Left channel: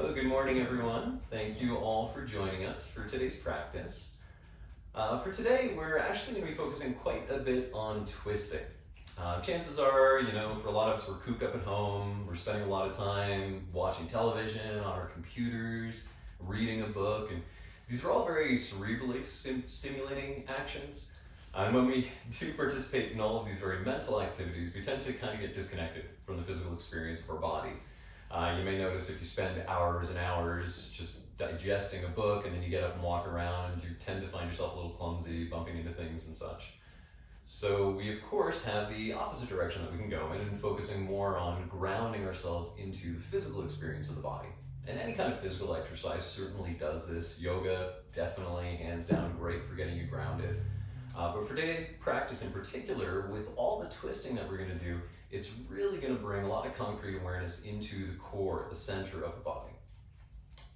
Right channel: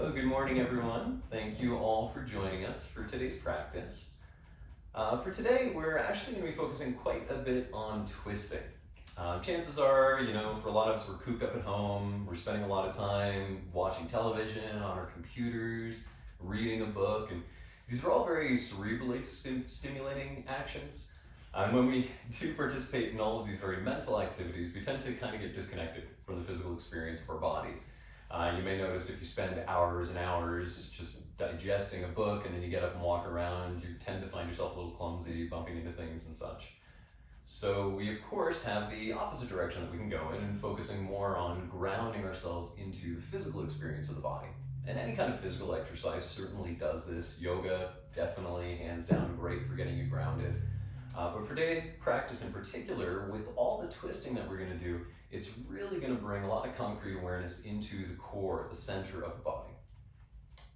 So, good morning everyone. Thank you all for joining us for today's practice. For today, we're actually going to be focusing quite a bit on twisting. Chances are, for a lot of us, we're cooped up at home, we're spending a lot of time watching television, on our computers, reading a book, and these are all very cerebrally stimulating actions. And when we do participate in all of these very mental activities, we tend to kind of get disconnected from the physical experience of our bodies. You may notice if you spend hours and hours just digesting a book and then you get up and walk around, you tend to find yourself a little clumsy, bumping into things and such. So we of course have the opposite direction that we can go in and focusing more on grounding ourselves into the physical experience of the body. And any kind of physical exercise certainly does this. Yoga, definitely, hands down, great for getting you grounded. But for today's practice in particular, with all the twisting that we're going to do, it's really going to bring a lot of concrete awareness into the core, the center of the body.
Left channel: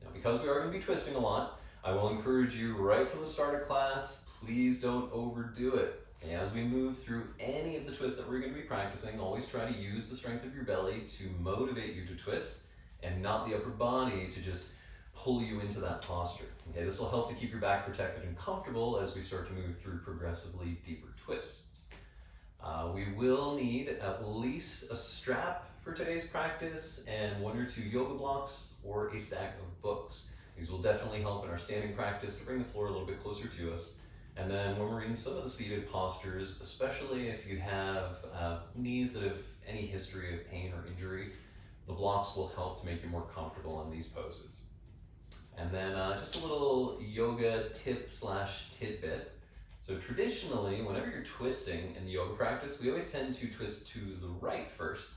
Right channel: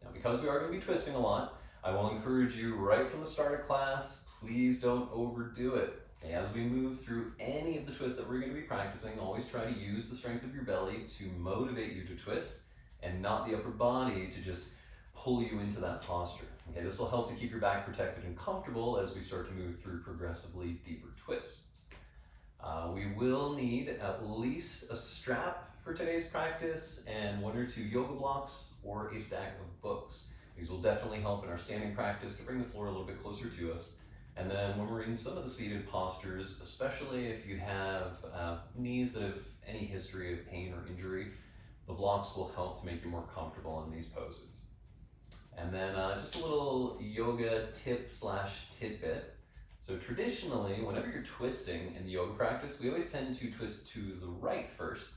Now, because we are going to be twisting a lot, I will encourage you right from the start of class, please don't overdo it. As we move through any of the twists that we're going to be practicing, always try to use the strength of your belly to motivate you to twist and not the upper body to just pull you into that posture. Okay, this will help to keep your back protected and comfortable as we start to move through progressively deeper twists. We will need at least a strap for today's practice and 1 or 2 yoga blocks or a stack of books. These will definitely help in our standing practice to bring the floor a little bit closer to us. And then when we're in some of the seated postures, especially if you have knees that have any history of pain or injury, the blocks will help to make you more comfortable in these poses. And then just a little yoga tip/tidbit. So traditionally, whenever you're twisting in the yoga practice, we always tend to twist to the right first.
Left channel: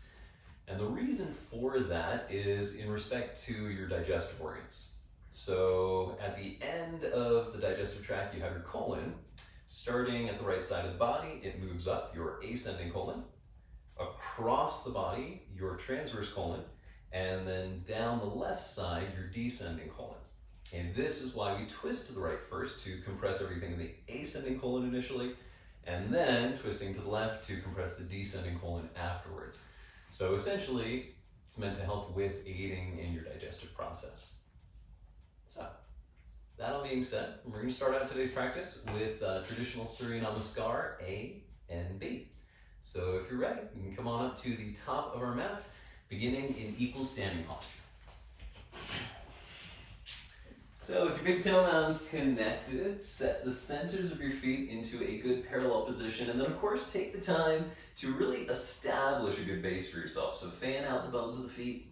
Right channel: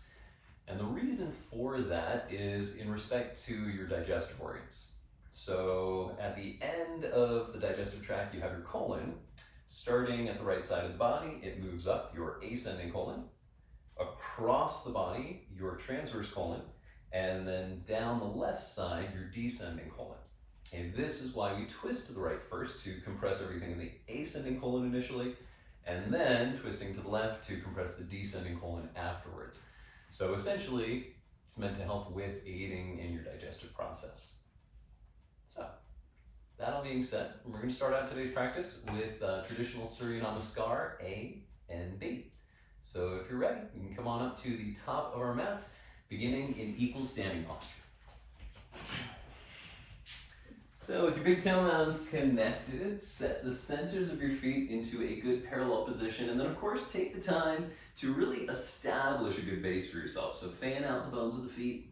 And the reason for that is in respect to your digestive organs. So at the end of the digestive tract, you have your colon. Starting at the right side of the body, it moves up your ascending colon, across the body, your transverse colon, and then down the left side, your descending colon. And this is why we twist to the right first to compress everything in the ascending colon initially, and then twisting to the left to compress the descending colon afterwards. So essentially, it's meant to help with aiding in your digestive process. So, that all being said, we're going to start out today's practice with traditional Surya Namaskar A and B. So if you're ready, you can come on up to the top of our mats, beginning in equal standing posture. So with your big toe mounds connected, set the centers of your feet into a good parallel position, and then of course take the time to really establish a good base for yourself. So fan out the bums of the feet,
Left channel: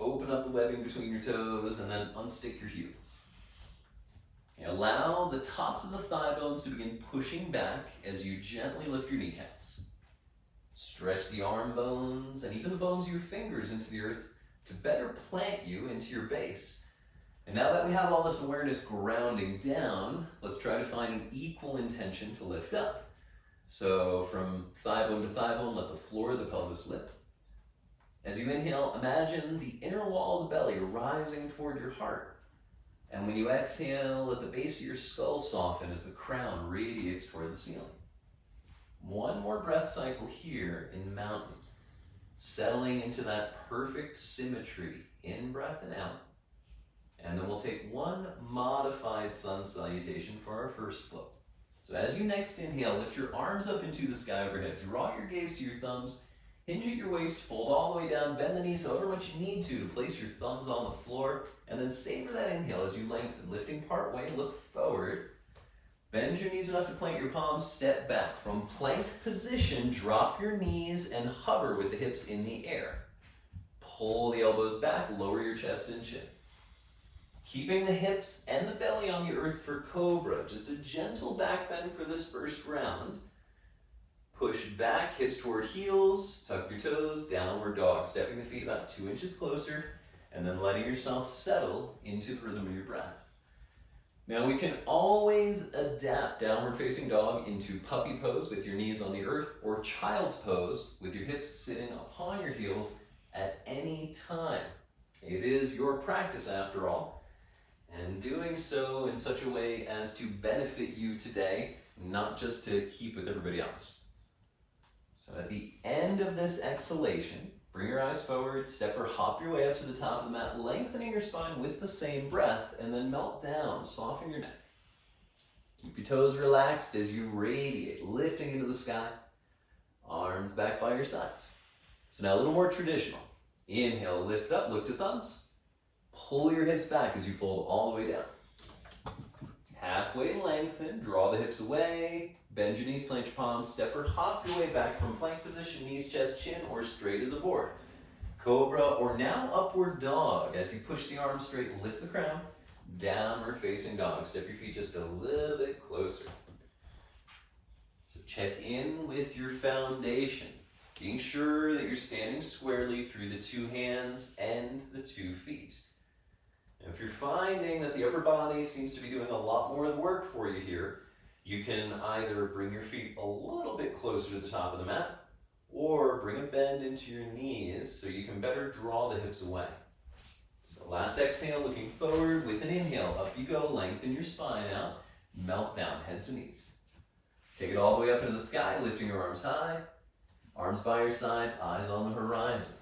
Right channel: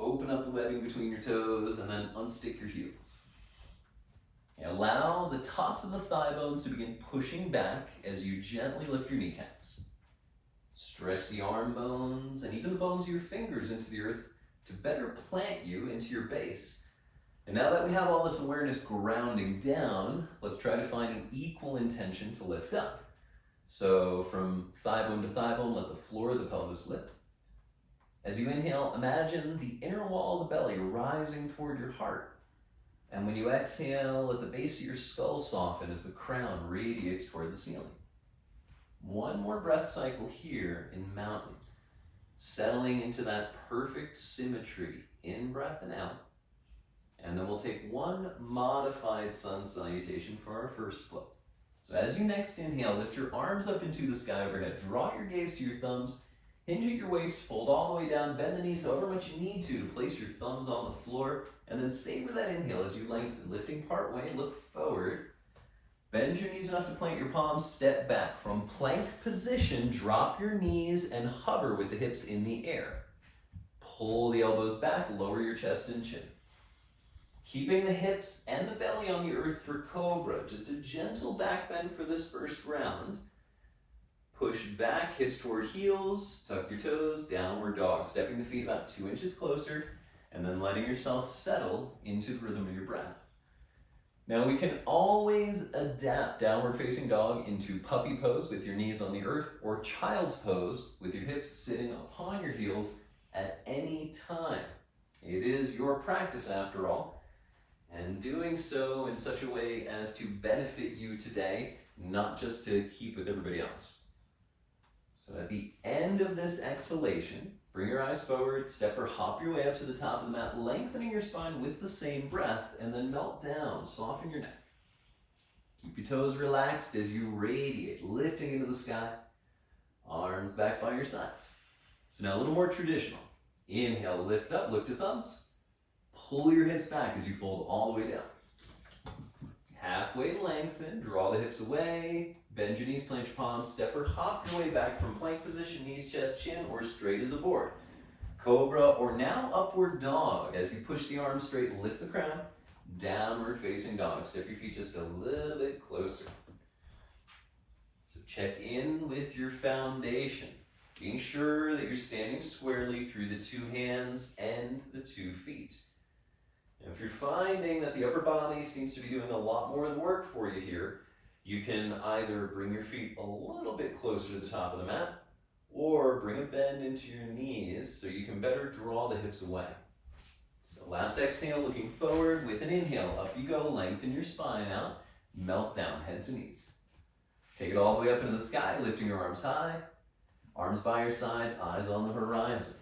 open up the webbing between your toes, and then unstick your heels. And allow the tops of the thigh bones to begin pushing back as you gently lift your kneecaps. Stretch the arm bones and even the bones of your fingers into the earth to better plant you into your base. And now that we have all this awareness grounding down, let's try to find an equal intention to lift up. So from thigh bone to thigh bone, let the floor of the pelvis lift. As you inhale, imagine the inner wall of the belly rising toward your heart. And when you exhale, let the base of your skull soften as the crown radiates toward the ceiling. One more breath cycle here in mountain, settling into that perfect symmetry, in breath and out. And then we'll take one modified sun salutation for our first flow. So as you next inhale, lift your arms up into the sky overhead. Draw your gaze to your thumbs, hinge at your waist, fold all the way down, bend the knees however much you need to place your thumbs on the floor, and then savor that inhale as you lengthen, lifting part way, look forward. Bend your knees enough to plant your palms, step back. From plank position, drop your knees and hover with the hips in the air. Pull the elbows back, lower your chest and chin. Keeping the hips and the belly on the earth for cobra, just a gentle back bend for this first round. Push back, hips toward heels, tuck your toes, downward dog, stepping the feet about 2 inches closer, and then letting yourself settle into the rhythm of your breath. Now we can always adapt downward facing dog into puppy pose with your knees on the earth, or child's pose with your hips sitting upon your heels at any time. It is your practice after all, and doing so in such a way as to benefit you today, not just to keep with everybody else. So at the end of this exhalation, Bring your eyes forward, step or hop your way up to the top of the mat, lengthening your spine with the same breath, and then melt down, soften your neck. Keep your toes relaxed as you radiate, lifting into the sky, arms back by your sides. So now a little more traditional. Inhale, lift up, look to thumbs. Pull your hips back as you fold all the way down. Halfway lengthen, draw the hips away, bend your knees, plant your palms, step or hop your way back from plank position, knees, chest, chin, or straight as a board. Cobra or now upward dog. As you push the arms straight, lift the crown, downward facing dog. Step your feet just a little bit closer. So check in with your foundation, being sure that you're standing squarely through the two hands and the 2 feet. And if you're finding that the upper body seems to be doing a lot more of the work for you here, you can either bring your feet a little bit closer to the top of the mat, or bring a bend into your knees so you can better draw the hips away. So last exhale, looking forward with an inhale, up you go, lengthen your spine out, melt down, heads and knees. Take it all the way up into the sky, lifting your arms high, arms by your sides, eyes on the horizon.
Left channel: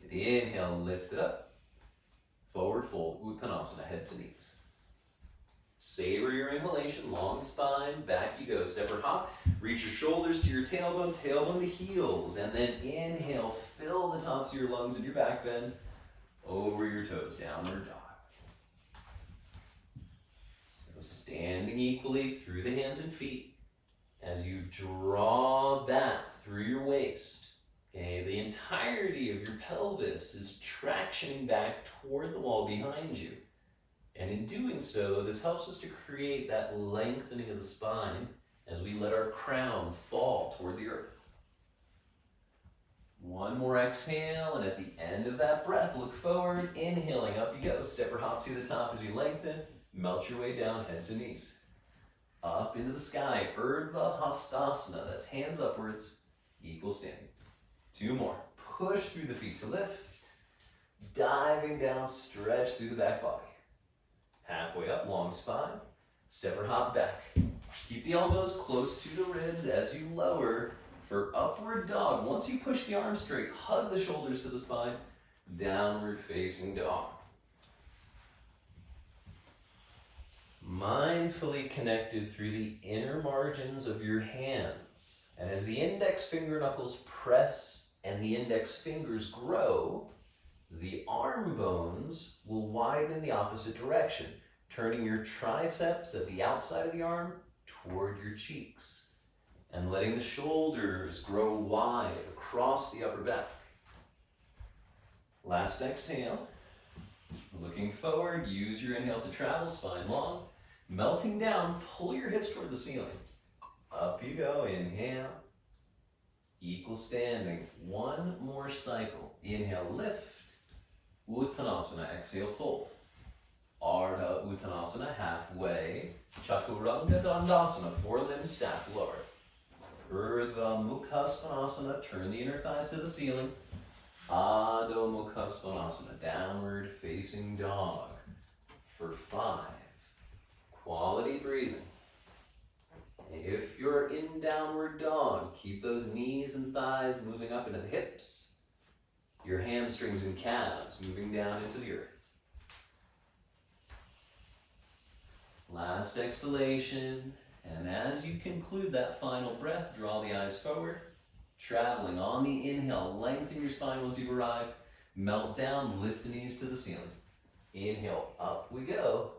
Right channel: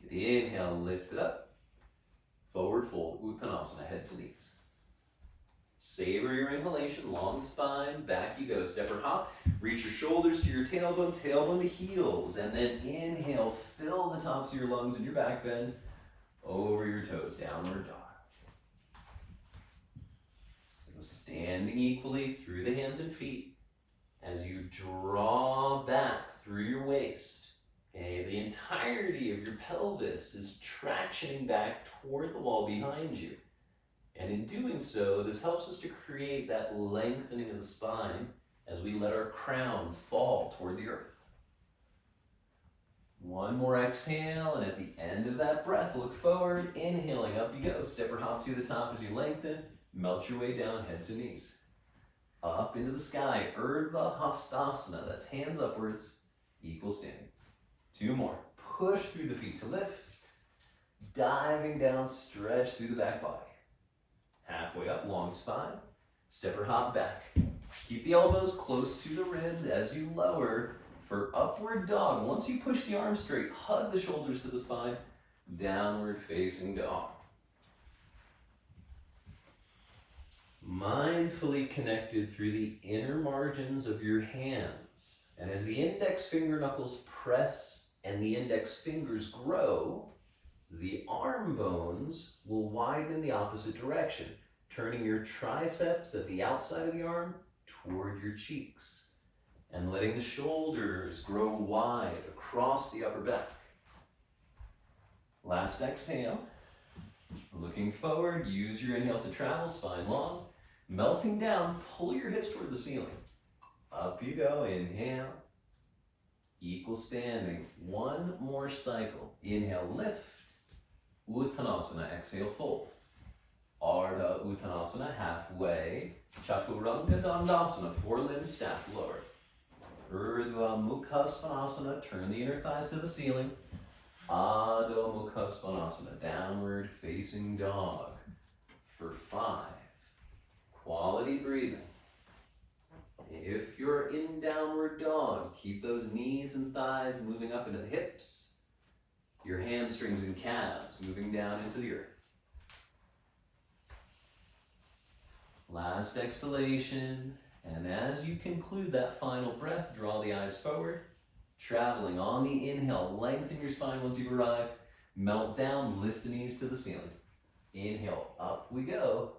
Get the inhale, lift it up. Forward fold, Uttanasana, head to knees. Savor your inhalation, long spine, back you go. Step or hop, reach your shoulders to your tailbone, tailbone to heels, and then inhale, fill the tops of your lungs and your back bend over your toes, downward dog. So standing equally through the hands and feet as you draw back through your waist. Okay, the entirety of your pelvis is tractioning back toward the wall behind you. And in doing so, this helps us to create that lengthening of the spine as we let our crown fall toward the earth. One more exhale, and at the end of that breath, look forward, inhaling, up you go. Step or hop to the top as you lengthen, melt your way down, head to knees. Up into the sky, Urdhva Hastasana, that's hands upwards, equal standing. 2 more. Push through the feet to lift. Diving down, stretch through the back body. Halfway up, long spine. Step or hop back. Keep the elbows close to the ribs as you lower for upward dog. Once you push the arms straight, hug the shoulders to the spine. Downward facing dog. Mindfully connected through the inner margins of your hands. And as the index finger knuckles press and the index fingers grow, the arm bones will widen the opposite direction, turning your triceps at the outside of the arm toward your cheeks, and letting the shoulders grow wide across the upper back. Last exhale, looking forward, use your inhale to travel, spine long, melting down, pull your hips toward the ceiling. Up you go, inhale. Equal standing, 1 more cycle. Inhale, lift. Uttanasana, exhale, fold. Ardha Uttanasana, halfway. Chaturanga Dandasana, 4 limbs stack lower. Urdhva Mukha Svanasana, turn the inner thighs to the ceiling. Adho Mukha Svanasana, downward facing dog for 5. Quality breathing. If you're in downward dog, keep those knees and thighs moving up into the hips. Your hamstrings and calves moving down into the earth. Last exhalation, and as you conclude that final breath, draw the eyes forward. Traveling on the inhale, lengthen your spine once you've arrived. Melt down, lift the knees to the ceiling. Inhale, up we go.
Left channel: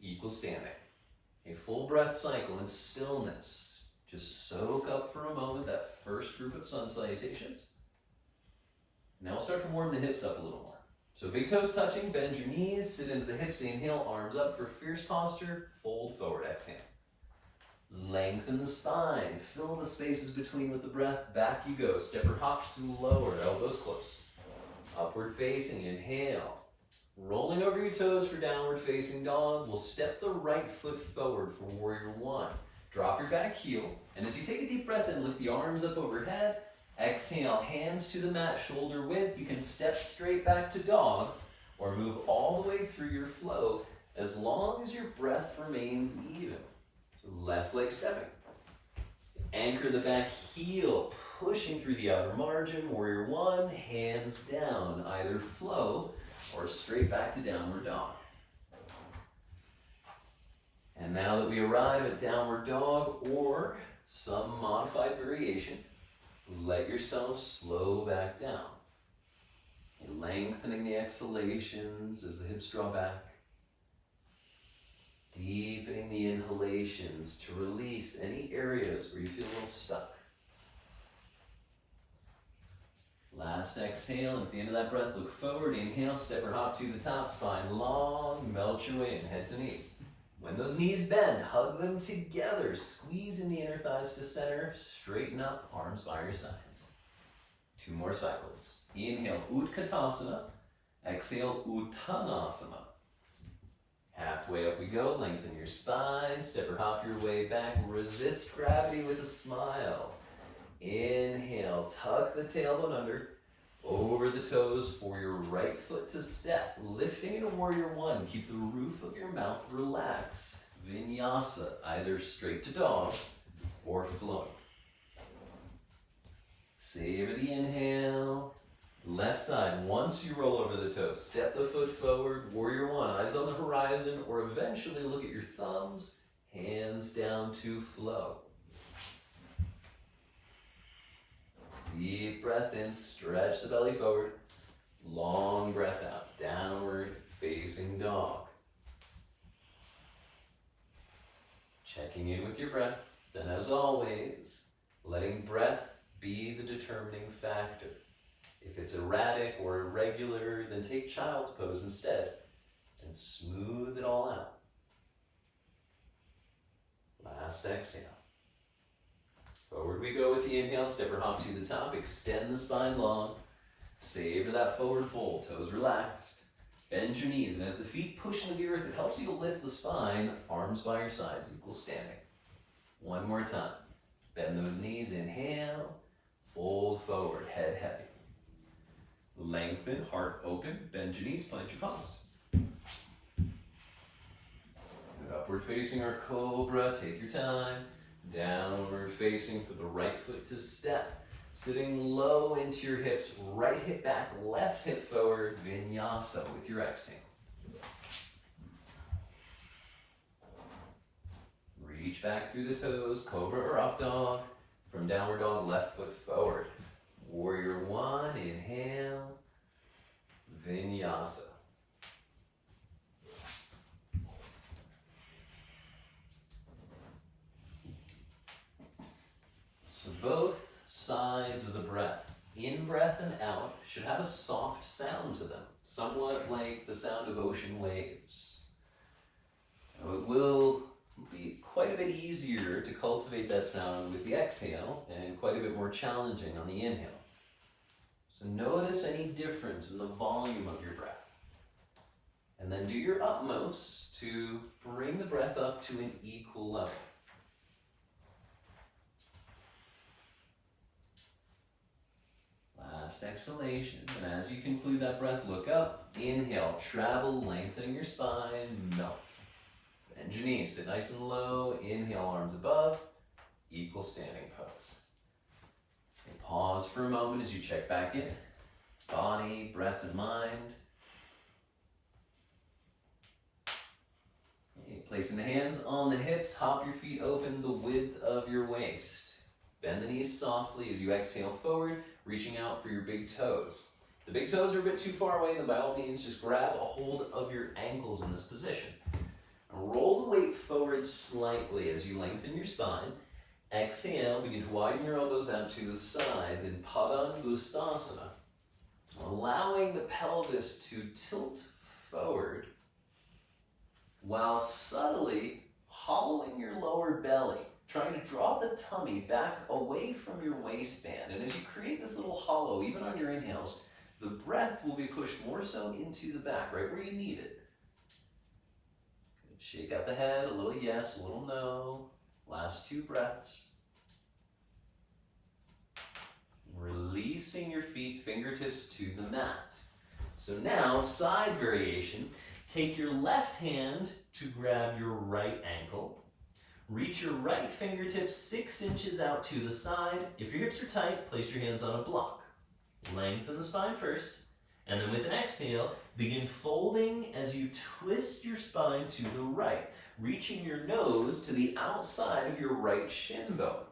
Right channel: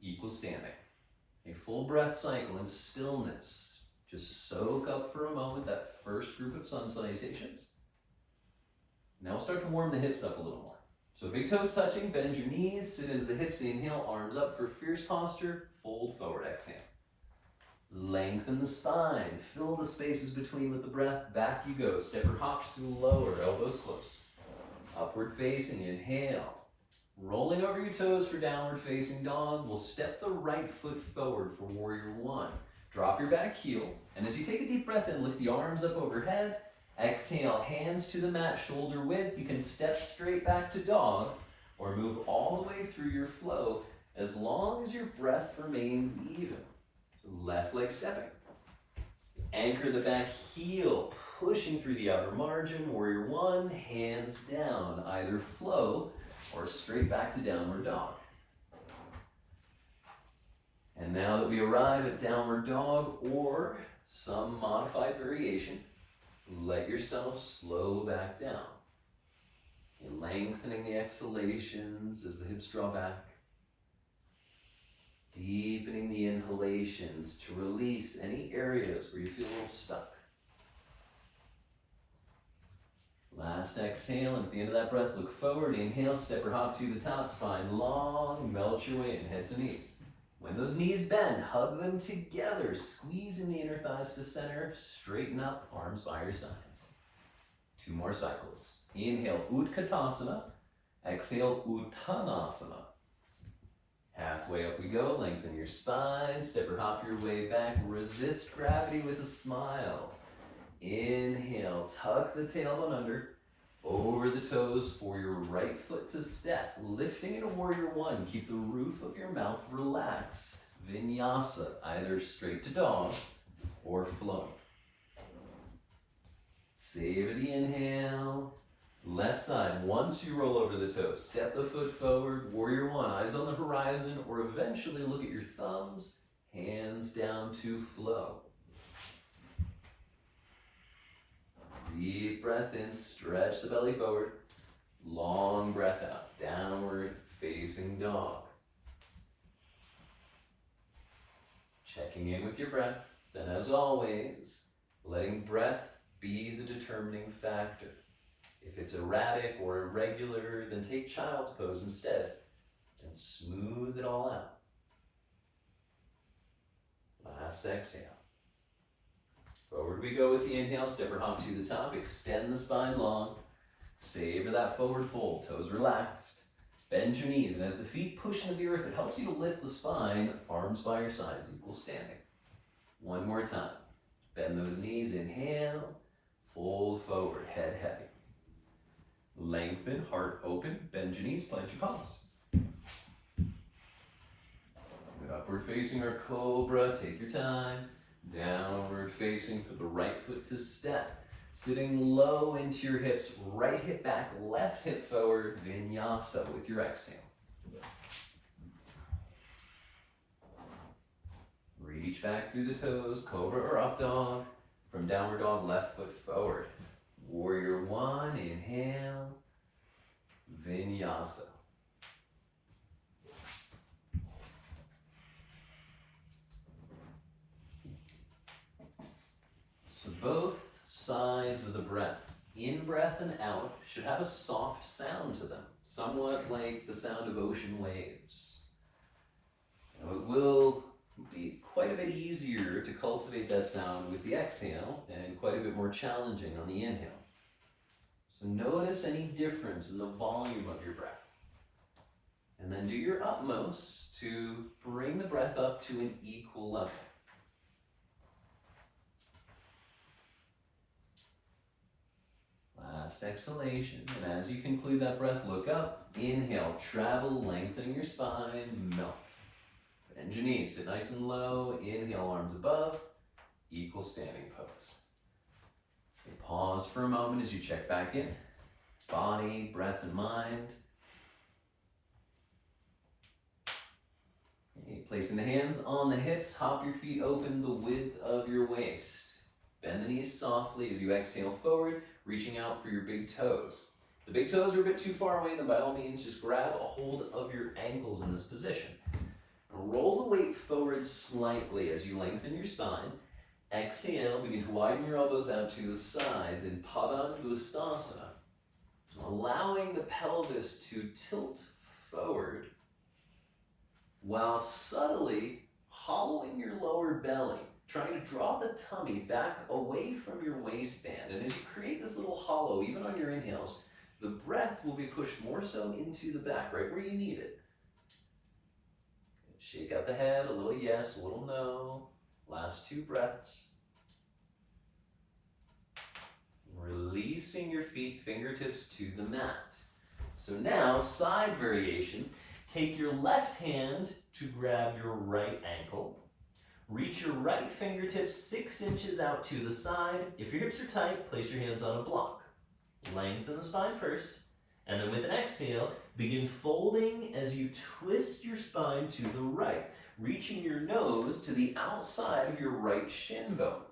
Equal standing. A full breath cycle in stillness. Just soak up for a moment that first group of sun salutations. Now we'll start to warm the hips up a little more. So big toes touching, bend your knees, sit into the hips, inhale, arms up for fierce posture, fold forward, exhale. Lengthen the spine, fill the spaces between with the breath, back you go. Step or hop to lower, elbows close. Upward facing, inhale. Rolling over your toes for downward facing dog, we'll step the right foot forward for warrior 1. Drop your back heel, and as you take a deep breath in, lift the arms up overhead. Exhale, hands to the mat, shoulder width. You can step straight back to dog, or move all the way through your flow, as long as your breath remains even. Left leg stepping. Anchor the back heel, pushing through the outer margin. Warrior one, hands down, either flow or straight back to downward dog. And now that we arrive at downward dog or some modified variation, let yourself slow back down. And lengthening the exhalations as the hips draw back. Deepening the inhalations to release any areas where you feel a little stuck. Last exhale, and at the end of that breath, look forward. Inhale, step or hop to the top, spine long, melt your way in, head to knees. When those knees bend, hug them together. Squeeze in the inner thighs to center. Straighten up, arms by your sides. 2 more cycles. Inhale, Utkatasana. Exhale, Uttanasana. Halfway up we go. Lengthen your spine. Step or hop your way back. Resist gravity with a smile. Inhale, tuck the tailbone under. Over the toes for your right foot to step, lifting into warrior one. Keep the roof of your mouth relaxed. Vinyasa, either straight to dog or flowing. Savor the inhale. Left side, once you roll over the toes, step the foot forward, warrior one, eyes on the horizon, or eventually look at your thumbs, hands down to flow. Deep breath in, stretch the belly forward. Long breath out, downward facing dog. Checking in with your breath, then as always, letting breath be the determining factor. If it's erratic or irregular, then take child's pose instead and smooth it all out. Last exhale. Forward we go with the inhale, step or hop to the top, extend the spine long, savor that forward fold, toes relaxed, bend your knees, and as the feet push into the earth, it helps you to lift the spine, arms by your sides, equal standing. One more time, bend those knees, inhale, fold forward, head heavy. Lengthen, heart open, bend your knees, plant your palms. Good upward facing our cobra, take your time. Downward facing for the right foot to step. Sitting low into your hips, right hip back, left hip forward, vinyasa with your exhale. Reach back through the toes, cobra or up dog. From downward dog, left foot forward. Warrior one, inhale, vinyasa. So both sides of the breath, in breath and out, should have a soft sound to them, somewhat like the sound of ocean waves. Now it will be quite a bit easier to cultivate that sound with the exhale and quite a bit more challenging on the inhale. So notice any difference in the volume of your breath. And then do your utmost to bring the breath up to an equal level. Last exhalation, and as you conclude that breath, look up, inhale, travel, lengthening your spine, melt. Bend your knees, sit nice and low, inhale, arms above, equal standing pose. And pause for a moment as you check back in, body, breath, and mind. Okay, placing the hands on the hips, hop your feet open the width of your waist. Bend the knees softly as you exhale forward, reaching out for your big toes. The big toes are a bit too far away, then by all means just grab a hold of your ankles in this position. And roll the weight forward slightly as you lengthen your spine. Exhale, begin to widen your elbows out to the sides in Padangusthasana, allowing the pelvis to tilt forward while subtly hollowing your lower belly, trying to draw the tummy back away from your waistband. And as you create this little hollow, even on your inhales, the breath will be pushed more so into the back, right where you need it. Good. Shake out the head, a little yes, a little no. Last 2 breaths. Releasing your feet, fingertips to the mat. So now, side variation. Take your left hand to grab your right ankle. Reach your right fingertips 6 inches out to the side. If your hips are tight, place your hands on a block. Lengthen the spine first, and then with an exhale, begin folding as you twist your spine to the right, reaching your nose to the outside of your right shin bone.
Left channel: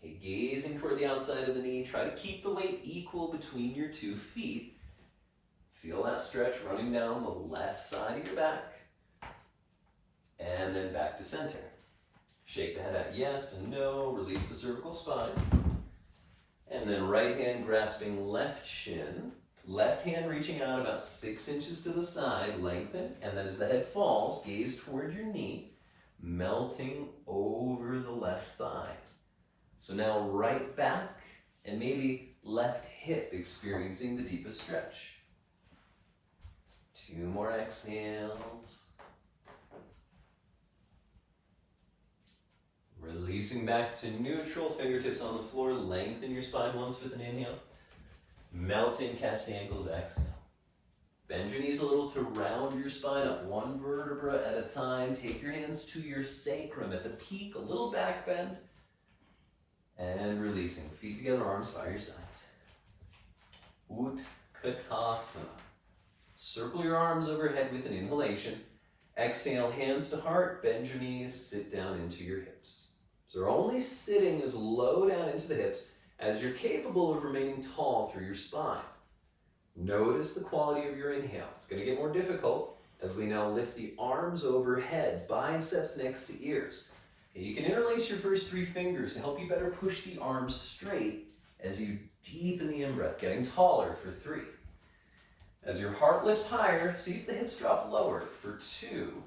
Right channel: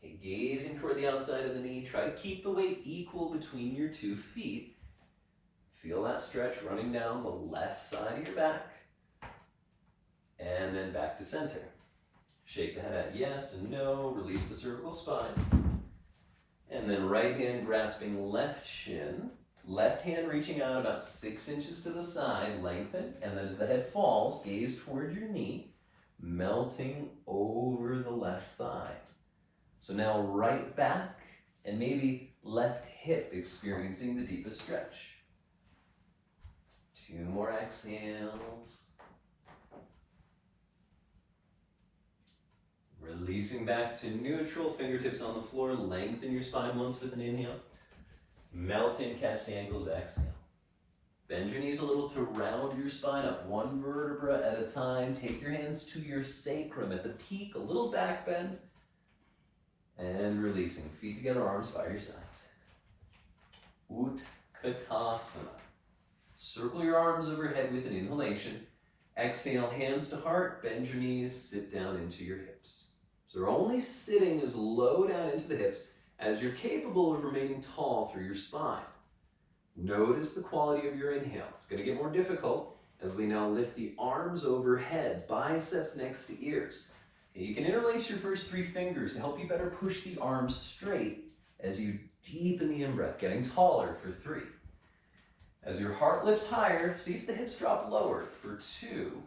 Okay, gazing toward the outside of the knee, try to keep the weight equal between your 2 feet. Feel that stretch running down the left side of your back, and then back to center. Shake the head out yes and no, release the cervical spine. And then right hand grasping left shin, left hand reaching out about 6 inches to the side, lengthen, and then as the head falls, gaze toward your knee, melting over the left thigh. So now right back and maybe left hip experiencing the deepest stretch. 2 more exhales. Releasing back to neutral, fingertips on the floor, lengthen your spine once with an inhale. Melt in, catch the ankles, exhale. Bend your knees a little to round your spine up, 1 vertebra at a time. Take your hands to your sacrum at the peak, a little back bend. And releasing, feet together, arms by your sides. Utkatasana. Circle your arms overhead with an inhalation. Exhale, hands to heart, bend your knees, sit down into your hips. So you're only sitting as low down into the hips as you're capable of remaining tall through your spine. Notice the quality of your inhale. It's going to get more difficult as we now lift the arms overhead, biceps next to ears. And you can interlace your first 3 fingers to help you better push the arms straight as you deepen the in-breath, getting taller for 3. As your heart lifts higher, see if the hips drop lower for 2.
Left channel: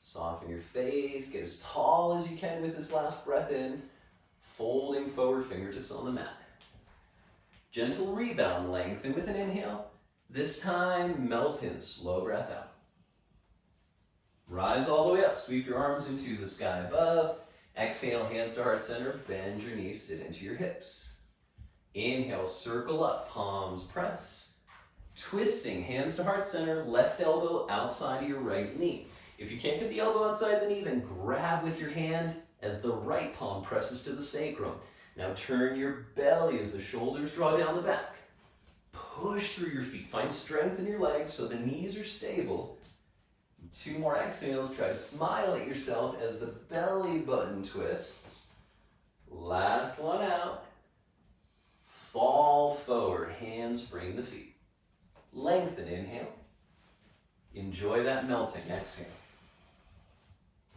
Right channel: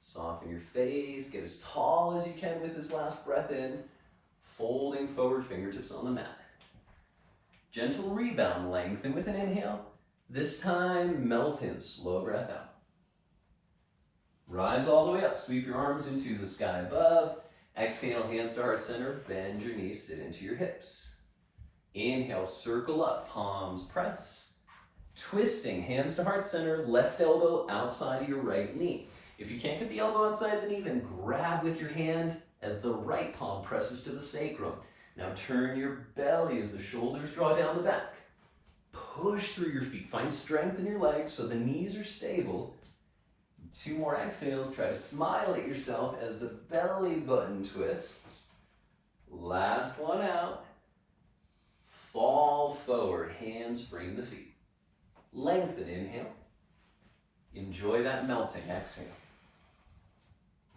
Soften your face, get as tall as you can with this last breath in, folding forward, fingertips on the mat. Gentle rebound, lengthen with an inhale. This time, melt in, slow breath out. Rise all the way up, sweep your arms into the sky above. Exhale, hands to heart center, bend your knees, sit into your hips. Inhale, circle up, palms press. Twisting, hands to heart center, left elbow outside of your right knee. If you can't get the elbow outside the knee, then grab with your hand as the right palm presses to the sacrum. Now turn your belly as the shoulders draw down the back. Push through your feet. Find strength in your legs so the knees are stable. 2 more exhales. Try to smile at yourself as the belly button twists. Last one out. Fall forward. Hands frame the feet. Lengthen. Inhale. Enjoy that melting. Exhale.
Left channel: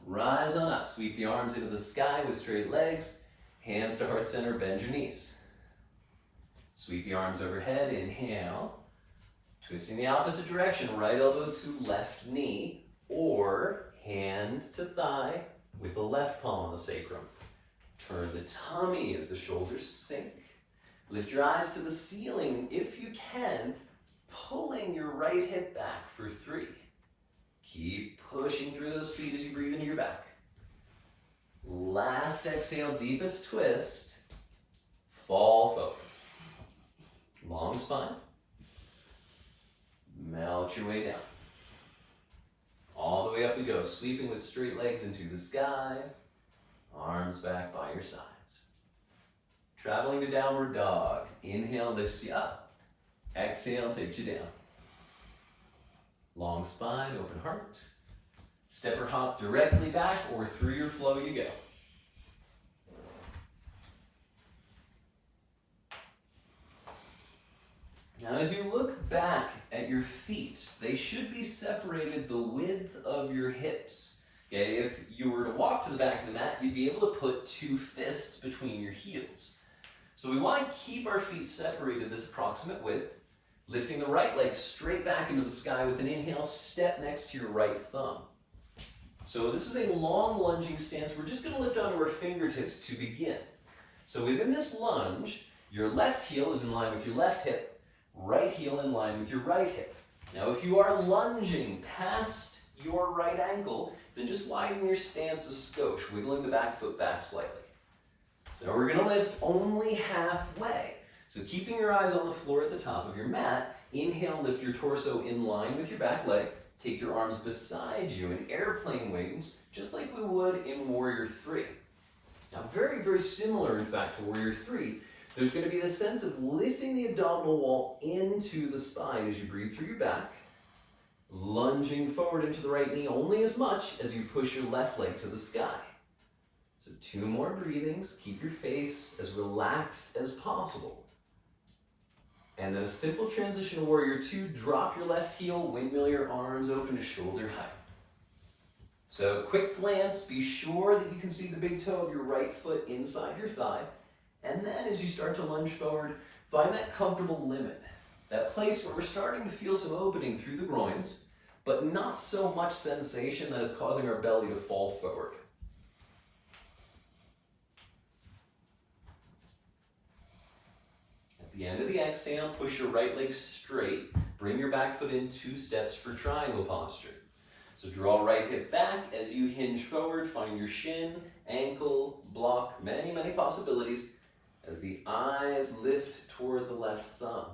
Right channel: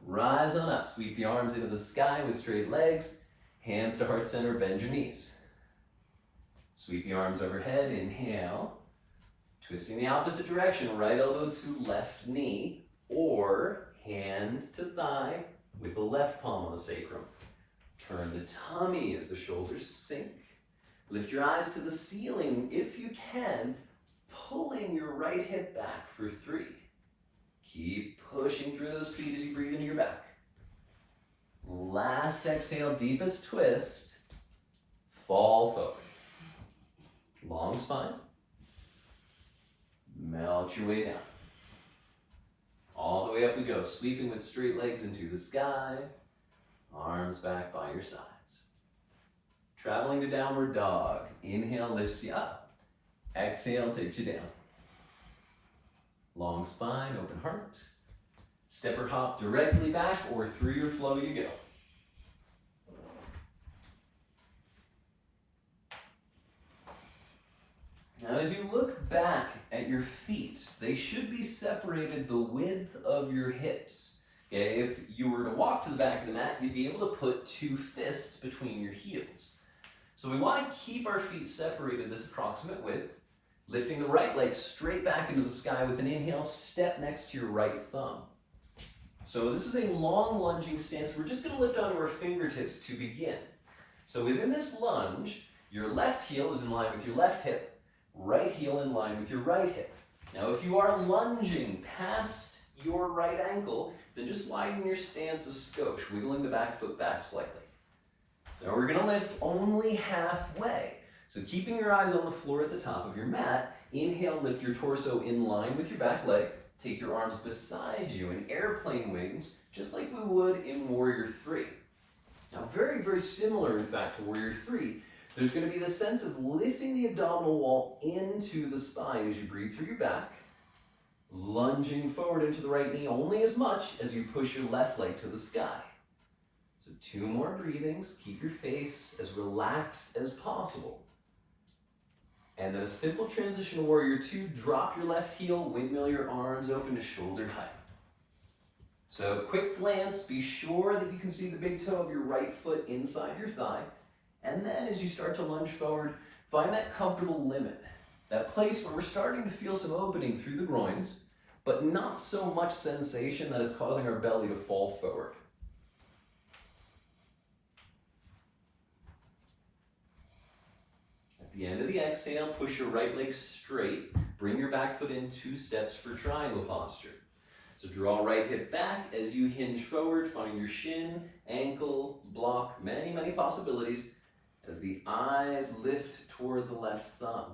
Rise on up. Sweep the arms into the sky with straight legs. Hands to heart center. Bend your knees. Sweep the arms overhead. Inhale. Twisting the opposite direction. Right elbow to left knee. Or hand to thigh with the left palm on the sacrum. Turn the tummy as the shoulders sink. Lift your eyes to the ceiling if you can, pulling your right hip back for 3. Keep pushing through those feet as you breathe into your back. Last exhale, deepest twist. Fall forward. Long spine. Melt your way down. All the way up we go, sweeping with straight legs into the sky. Arms back by your sides. Traveling to downward dog. Inhale lifts you up. Exhale takes you down. Long spine, open heart. Step or hop directly back or through your flow you go. Now as you look back at your feet, they should be separated the width of your hips. Okay? If you were to walk to the back of the mat, you'd be able to put 2 fists between your heels. So we want to keep our feet separated this approximate width, lifting the right leg straight back into the sky with an inhale, step next to your right thumb. So this is a long lunging stance. We're just going to lift onto our fingertips to begin. So within this lunge, your left heel is in line with your left hip, right heel in line with your right hip. Now if you are lunging past your right ankle, then just widen your stance a skosh, wiggling the back foot back slightly. So we're going to lift only halfway. So keeping your eyes on the floor at the top of your mat, inhale, lift your torso in line with your back leg, Take your arms beside you in airplane wings, just like we would in Warrior 3. Now, very, very similar, in fact, to Warrior 3, there's going to be the sense of lifting the abdominal wall into the spine as you breathe through your back, lunging forward into the right knee only as much as you push your left leg to the sky. So 2 more breathings. Keep your face as relaxed as possible. And then a simple transition to Warrior 2, drop your left heel, windmill your arms open to shoulder height. So quick glance, be sure that you can see the big toe of your right foot inside your thigh. And then as you start to lunge forward, find that comfortable limit, that place where we're starting to feel some opening through the groins, but not so much sensation that it's causing our belly to fall forward. At the end of the exhale, push your right leg straight. Bring your back foot in 2 steps for triangle posture. So draw right hip back as you hinge forward. Find your shin, ankle, block, many, many possibilities as the eyes lift toward the left thumb.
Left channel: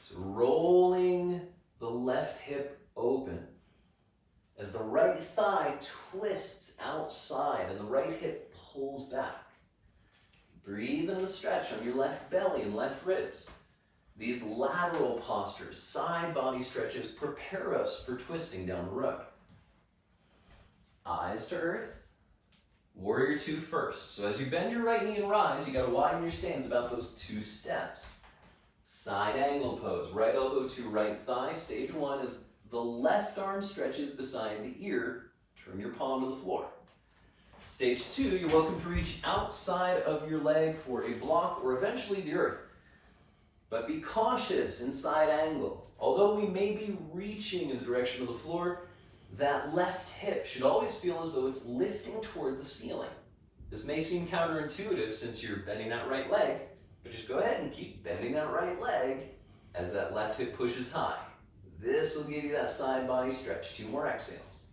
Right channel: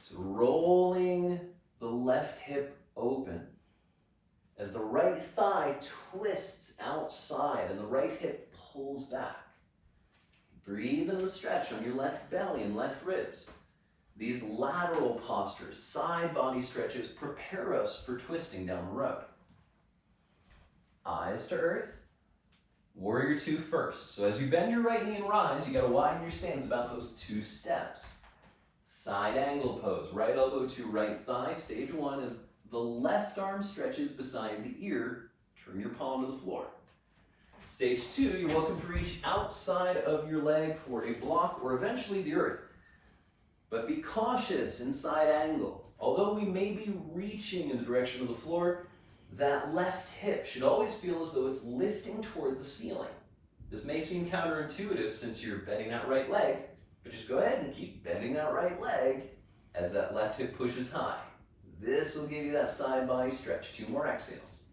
So rolling the left hip open as the right thigh twists outside and the right hip pulls back. Breathe in the stretch on your left belly and left ribs. These lateral postures, side body stretches, prepare us for twisting down the road. Eyes to earth. Warrior 2 first. So as you bend your right knee and rise, you got to widen your stance about those 2 steps. Side angle pose. Right elbow to right thigh. Stage 1 is the left arm stretches beside the ear. Turn your palm to the floor. Stage 2, you're welcome to reach outside of your leg for a block or eventually the earth. But be cautious in side angle. Although we may be reaching in the direction of the floor, that left hip should always feel as though it's lifting toward the ceiling. This may seem counterintuitive since you're bending that right leg, but just go ahead and keep bending that right leg as that left hip pushes high. This will give you that side body stretch. 2 more exhales.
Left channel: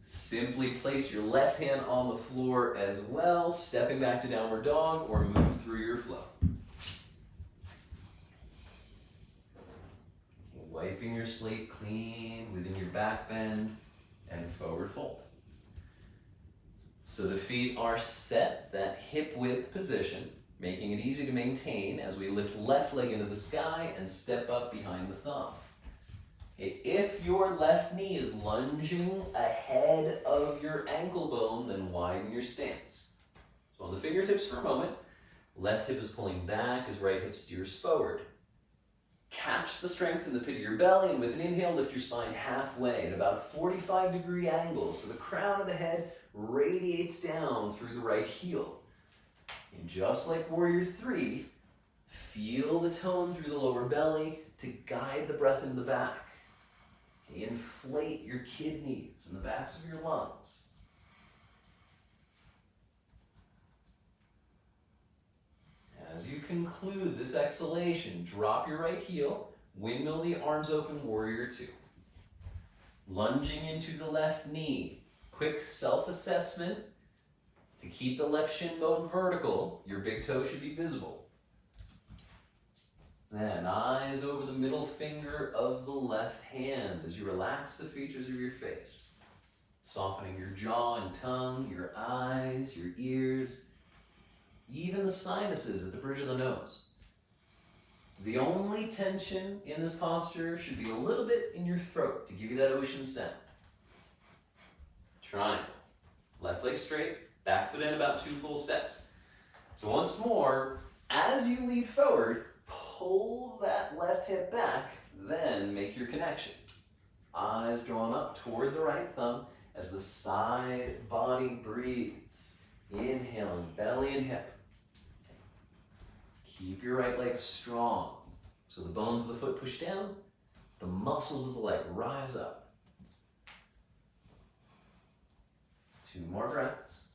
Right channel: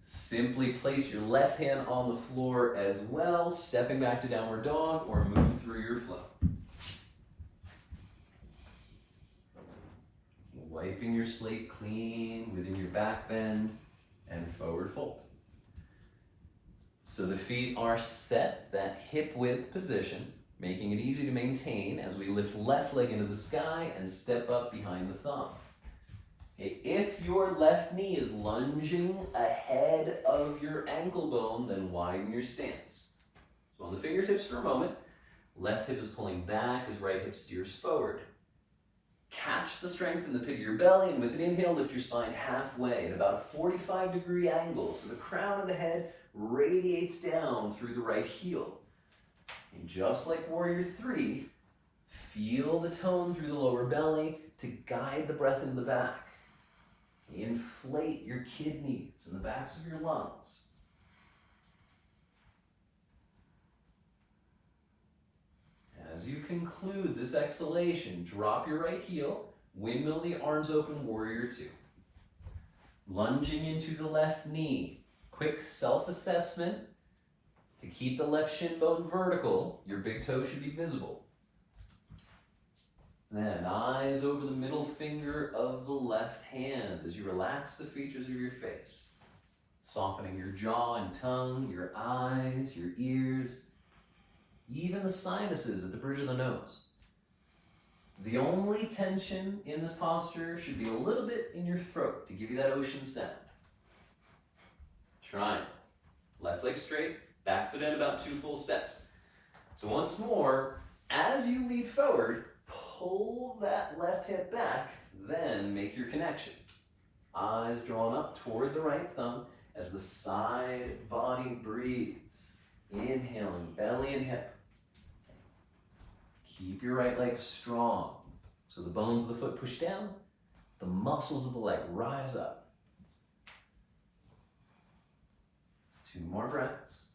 Simply place your left hand on the floor as well, stepping back to downward dog or move through your flow. Wiping your slate clean within your back bend and forward fold. So the feet are set, that hip width position, making it easy to maintain as we lift left leg into the sky and step up behind the thumb. If your left knee is lunging ahead of your ankle bone, then widen your stance. So on the fingertips for a moment, left hip is pulling back as right hip steers forward. Catch the strength in the pit of your belly, and with an inhale, lift your spine halfway at about a 45-degree angle, so the crown of the head radiates down through the right heel. And just like Warrior 3, feel the tone through the lower belly to guide the breath into the back. Inflate your kidneys and the backs of your lungs. As you conclude this exhalation, drop your right heel, windmill the arms open, Warrior 2. Lunging into the left knee. Quick self-assessment. To keep the left shin bone vertical, your big toe should be visible. Then eyes over the middle finger of the left hand as you relax the features of your face. Softening your jaw and tongue, your eyes, your ears, even the sinuses at the bridge of the nose. The only tension in this posture should be a little bit in your throat to give you that ocean sound. Triangle. Left leg straight, back foot in about 2 full steps. So once more, as you lead forward, pull that left hip back, then make your connection. Eyes drawn up toward the right thumb as the side body breathes. Inhaling, belly and hip. Keep your right leg strong. So the bones of the foot push down, the muscles of the leg rise up. 2 more breaths.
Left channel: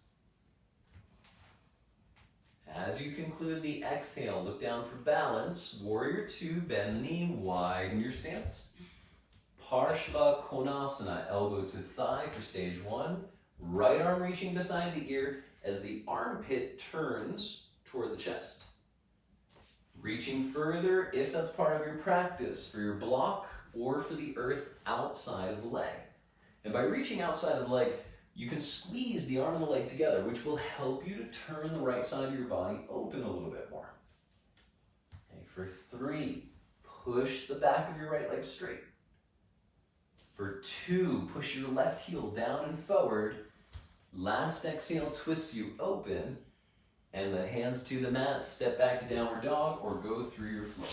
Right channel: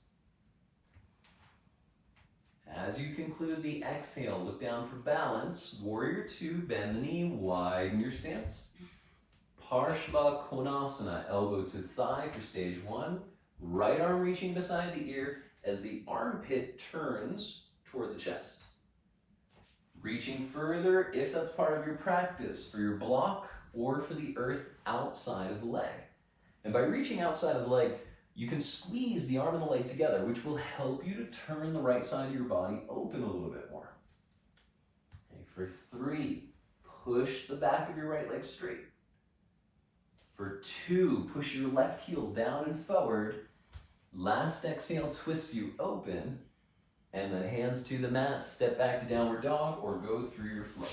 As you conclude the exhale, look down for balance. Warrior 2, bend the knee, widen your stance. Parshva Konasana, elbow to thigh for stage 1. Right arm reaching beside the ear as the armpit turns toward the chest. Reaching further if that's part of your practice, for your block or for the earth outside of the leg. And by reaching outside of the leg, you can squeeze the arm and the leg together, which will help you to turn the right side of your body open a little bit more. Okay, for 3, push the back of your right leg straight. For 2, push your left heel down and forward. Last exhale twists you open, and then hands to the mat, step back to downward dog, or go through your flow.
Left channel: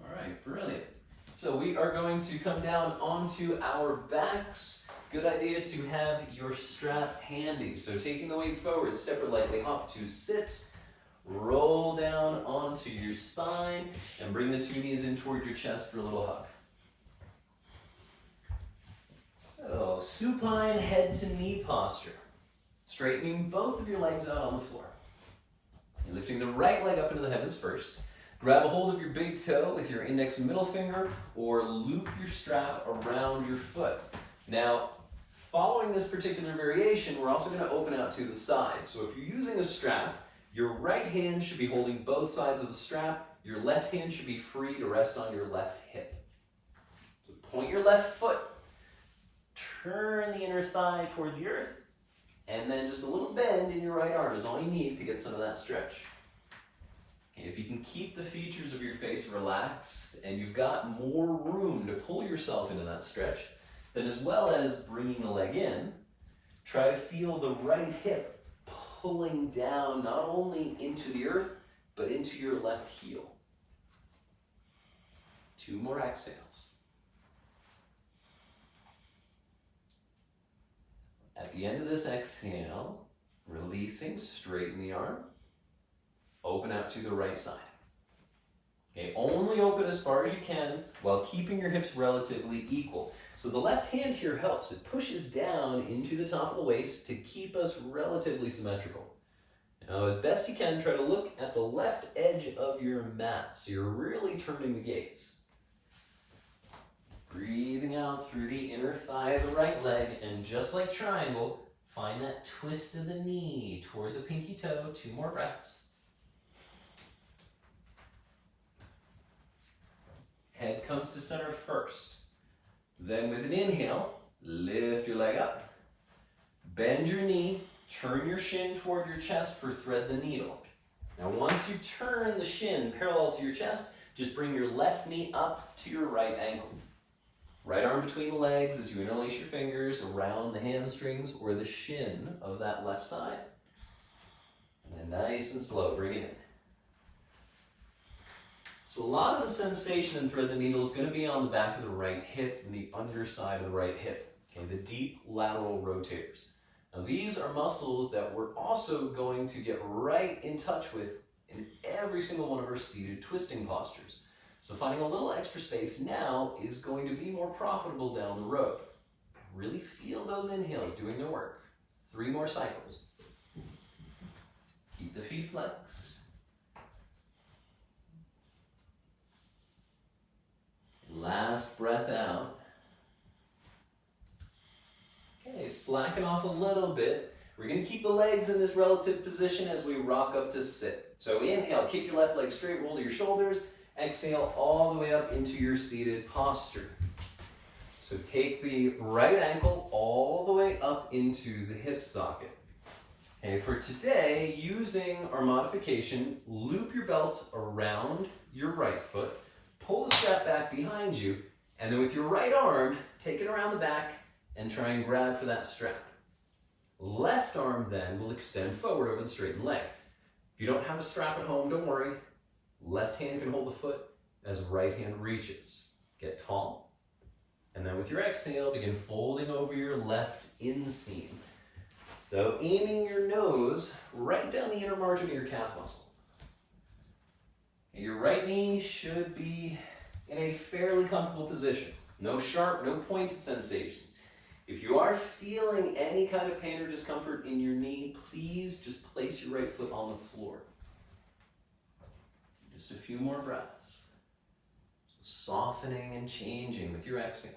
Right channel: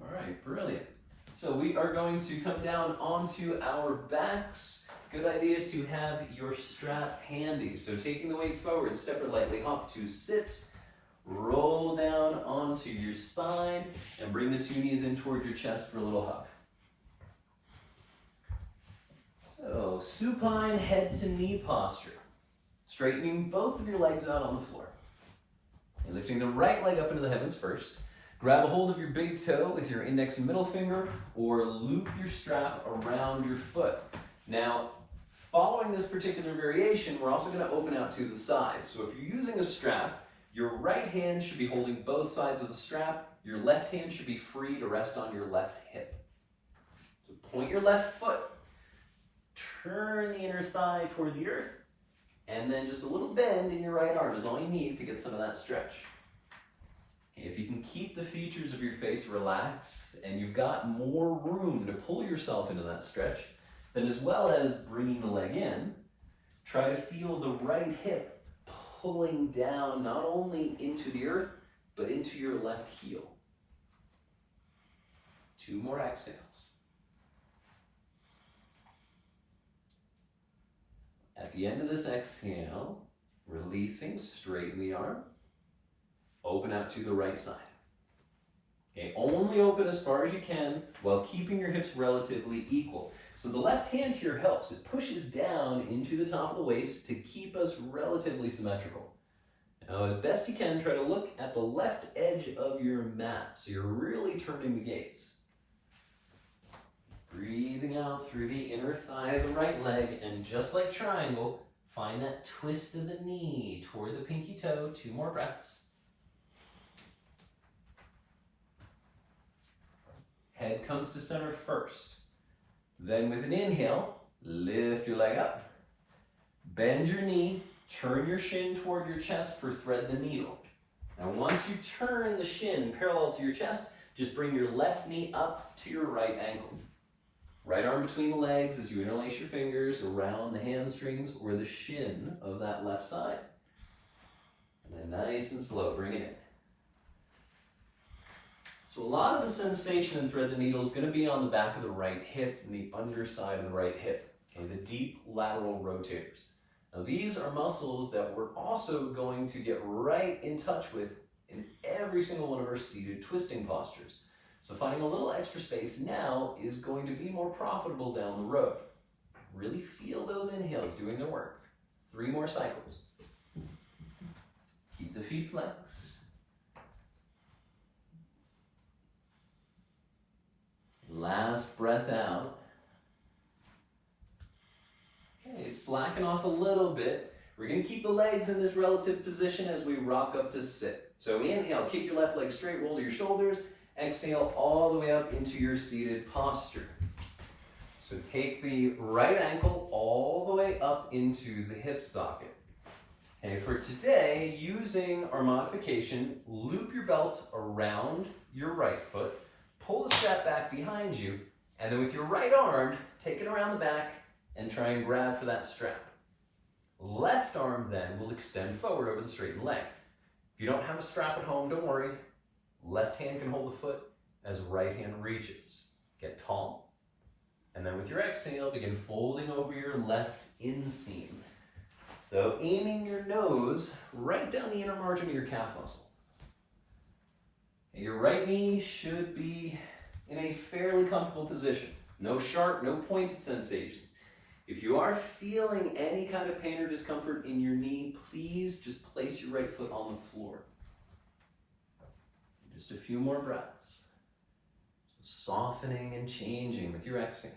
All right, brilliant. So we are going to come down onto our backs. Good idea to have your strap handy. So taking the weight forward, step or lightly hop to sit, roll down onto your spine, and bring the 2 knees in toward your chest for a little hug. So, supine head to knee posture. Straightening both of your legs out on the floor. And lifting the right leg up into the heavens first. Grab a hold of your big toe with your index and middle finger, or loop your strap around your foot. Now, following this particular variation, we're also going to open out to the side. So if you're using a strap, your right hand should be holding both sides of the strap. Your left hand should be free to rest on your left hip. So point your left foot. Turn the inner thigh toward the earth, and then just a little bend in your right arm is all you need to get some of that stretch. Okay, if you can keep the features of your face relaxed and you've got more room to pull yourself into that stretch, then as well as bringing the leg in, try to feel the right hip pulling down not only into the earth, but into your left heel. 2 more exhales. At the end of this exhale, releasing, straighten the arm, open out to the right side. Okay, only open as far as you can while keeping your hips relatively equal. So the left hand here helps. It pushes down into the top of the waist to keep us relatively symmetrical. Now, as best you can, try to look at the left edge of your mat, so you're really turning the gaze. Breathing out through the inner thigh of the right leg, and just like triangle, find that twist of the knee toward the pinky toe. 2 more breaths. Head comes to center first. Then with an inhale, lift your leg up. Bend your knee, turn your shin toward your chest for thread the needle. Now once you turn the shin parallel to your chest, just bring your left knee up to your right ankle. Right arm between the legs as you interlace your fingers around the hamstrings or the shin of that left side. And then nice and slow, bring it in. So a lot of the sensation in thread the needle is going to be on the back of the right hip and the underside of the right hip, okay, the deep lateral rotators. Now these are muscles that we're also going to get right in touch with in every single one of our seated twisting postures. So finding a little extra space now is going to be more profitable down the road. Really feel those inhales doing their work. 3 more cycles. Keep the feet flexed. Last breath out. Okay, slacken off a little bit. We're going to keep the legs in this relative position as we rock up to sit. So inhale, kick your left leg straight, roll to your shoulders. Exhale all the way up into your seated posture. So take the right ankle all the way up into the hip socket. Okay, for today, using our modification, loop your belt around your right foot, pull the strap back behind you, and then with your right arm, take it around the back and try and grab for that strap. Left arm then will extend forward over the straightened leg. If you don't have a strap at home, don't worry. Left hand can hold the foot as right hand reaches. Get tall. And then with your exhale, begin folding over your left inseam. So aiming your nose right down the inner margin of your calf muscle. And your right knee should be in a fairly comfortable position. No sharp, no pointed sensations. If you are feeling any kind of pain or discomfort in your knee, please just place your right foot on the floor. Just a few more breaths. Softening and changing with your exhales.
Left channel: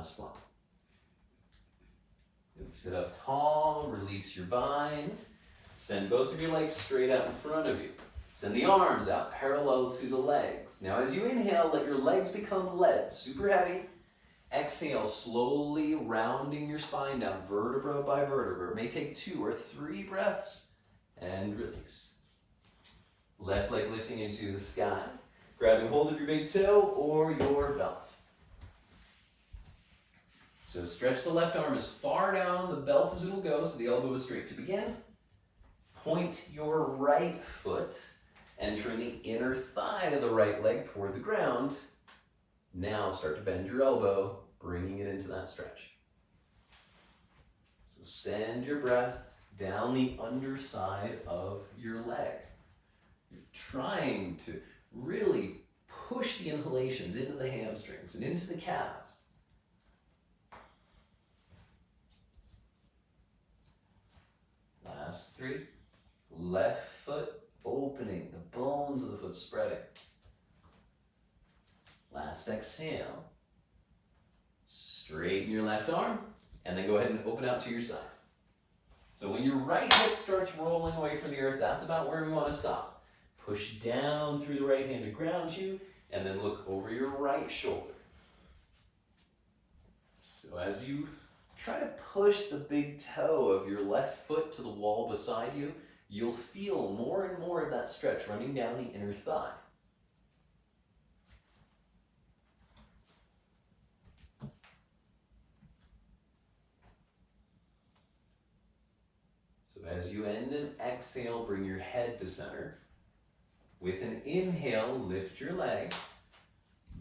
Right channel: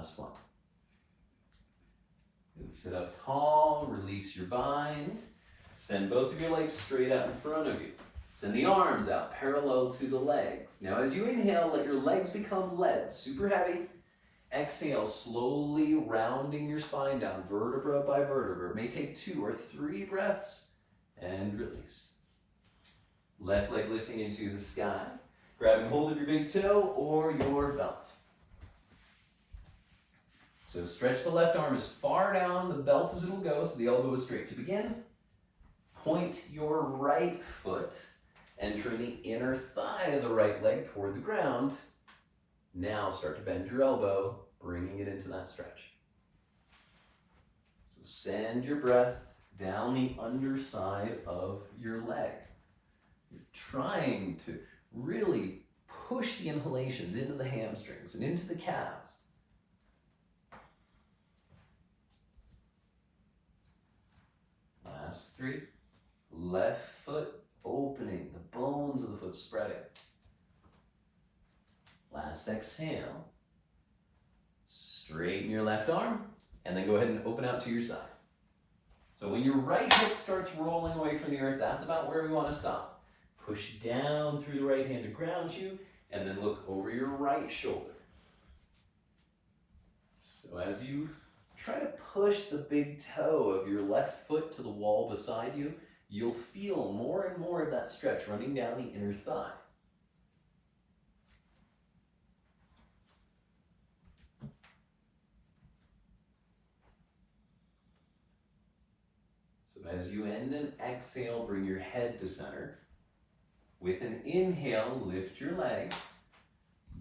Last one. Good. Sit up tall, release your bind. Send both of your legs straight out in front of you. Send the arms out parallel to the legs. Now as you inhale, let your legs become lead, super heavy. Exhale, slowly rounding your spine down, vertebra by vertebra. It may take 2 or 3 breaths, and release. Left leg lifting into the sky, grabbing hold of your big toe or your belt. So stretch the left arm as far down the belt as it'll go, so the elbow is straight. To begin, point your right foot, entering the inner thigh of the right leg toward the ground. Now start to bend your elbow, bringing it into that stretch. So send your breath down the underside of your leg. You're trying to really push the inhalations into the hamstrings and into the calves. Last 3. Left foot opening, the bones of the foot spreading. Last exhale. Straighten your left arm, and then go ahead and open out to your side. So when your right hip starts rolling away from the earth, that's about where we want to stop. Push down through the right hand to ground you, and then look over your right shoulder. So as you try to push the big toe of your left foot to the wall beside you, you'll feel more and more of that stretch running down the inner thigh. So as you end and exhale, bring your head to center. With an inhale, lift your leg,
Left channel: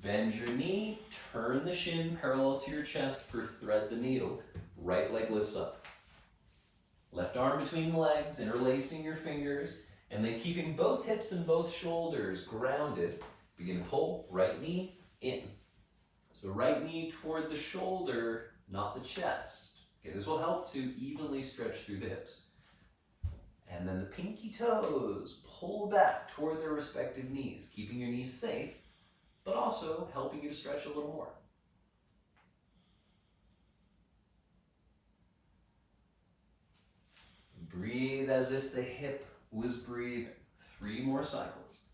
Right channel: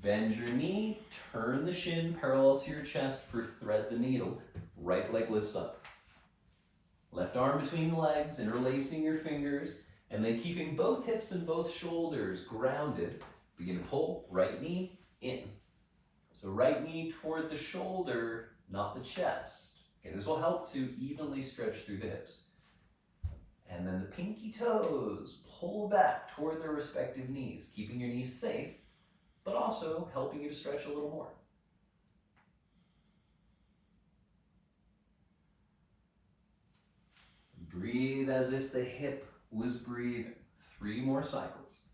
bend your knee, turn the shin parallel to your chest for thread the needle. Right leg lifts up. Left arm between the legs, interlacing your fingers, and then keeping both hips and both shoulders grounded. Begin to pull right knee in. So right knee toward the shoulder, not the chest. Okay, this will help to evenly stretch through the hips. And then the pinky toes pull back toward their respective knees, keeping your knees safe, but also helping you to stretch a little more. Breathe as if the hip was breathing. 3 more cycles.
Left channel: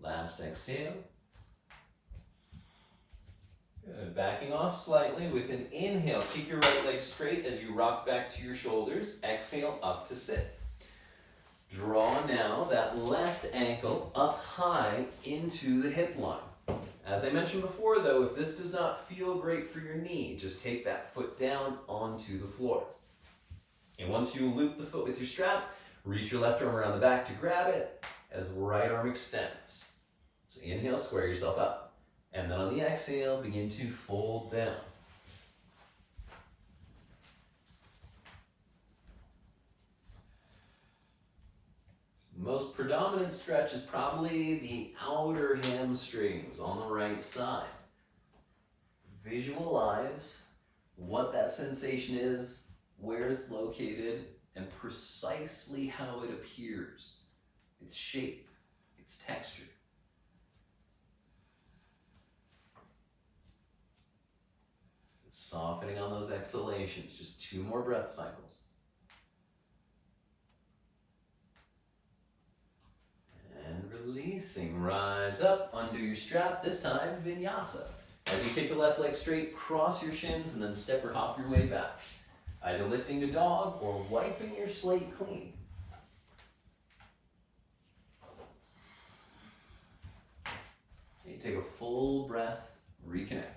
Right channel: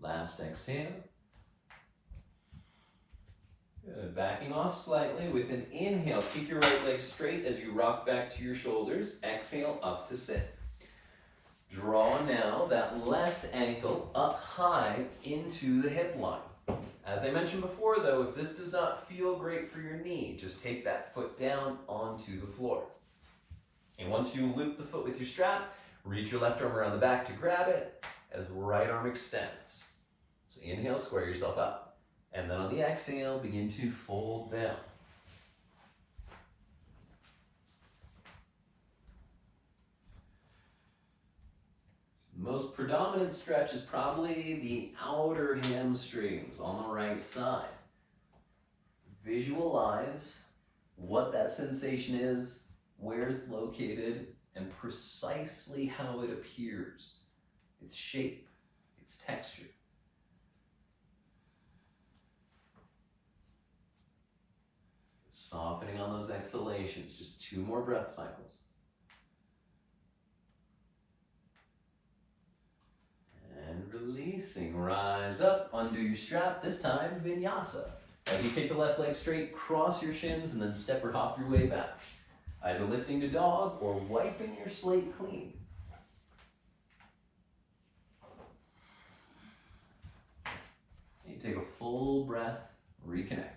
Last exhale. Good. Backing off slightly with an inhale. Keep your right leg straight as you rock back to your shoulders. Exhale, up to sit. Draw now that left ankle up high into the hip line. As I mentioned before though, if this does not feel great for your knee, just take that foot down onto the floor. And once you loop the foot with your strap, reach your left arm around the back to grab it as right arm extends. So inhale, square yourself up. And then on the exhale, begin to fold down. The most predominant stretch is probably the outer hamstrings on the right side. Visualize what that sensation is, where it's located, and precisely how it appears. Its shape, its texture. Softening on those exhalations, just 2 more breath cycles. And releasing, rise up, undo your strap, this time vinyasa. As you take the left leg straight, cross your shins and then step or hop your way back. Either lifting to dog or wiping your slate clean. You take a full breath, reconnect.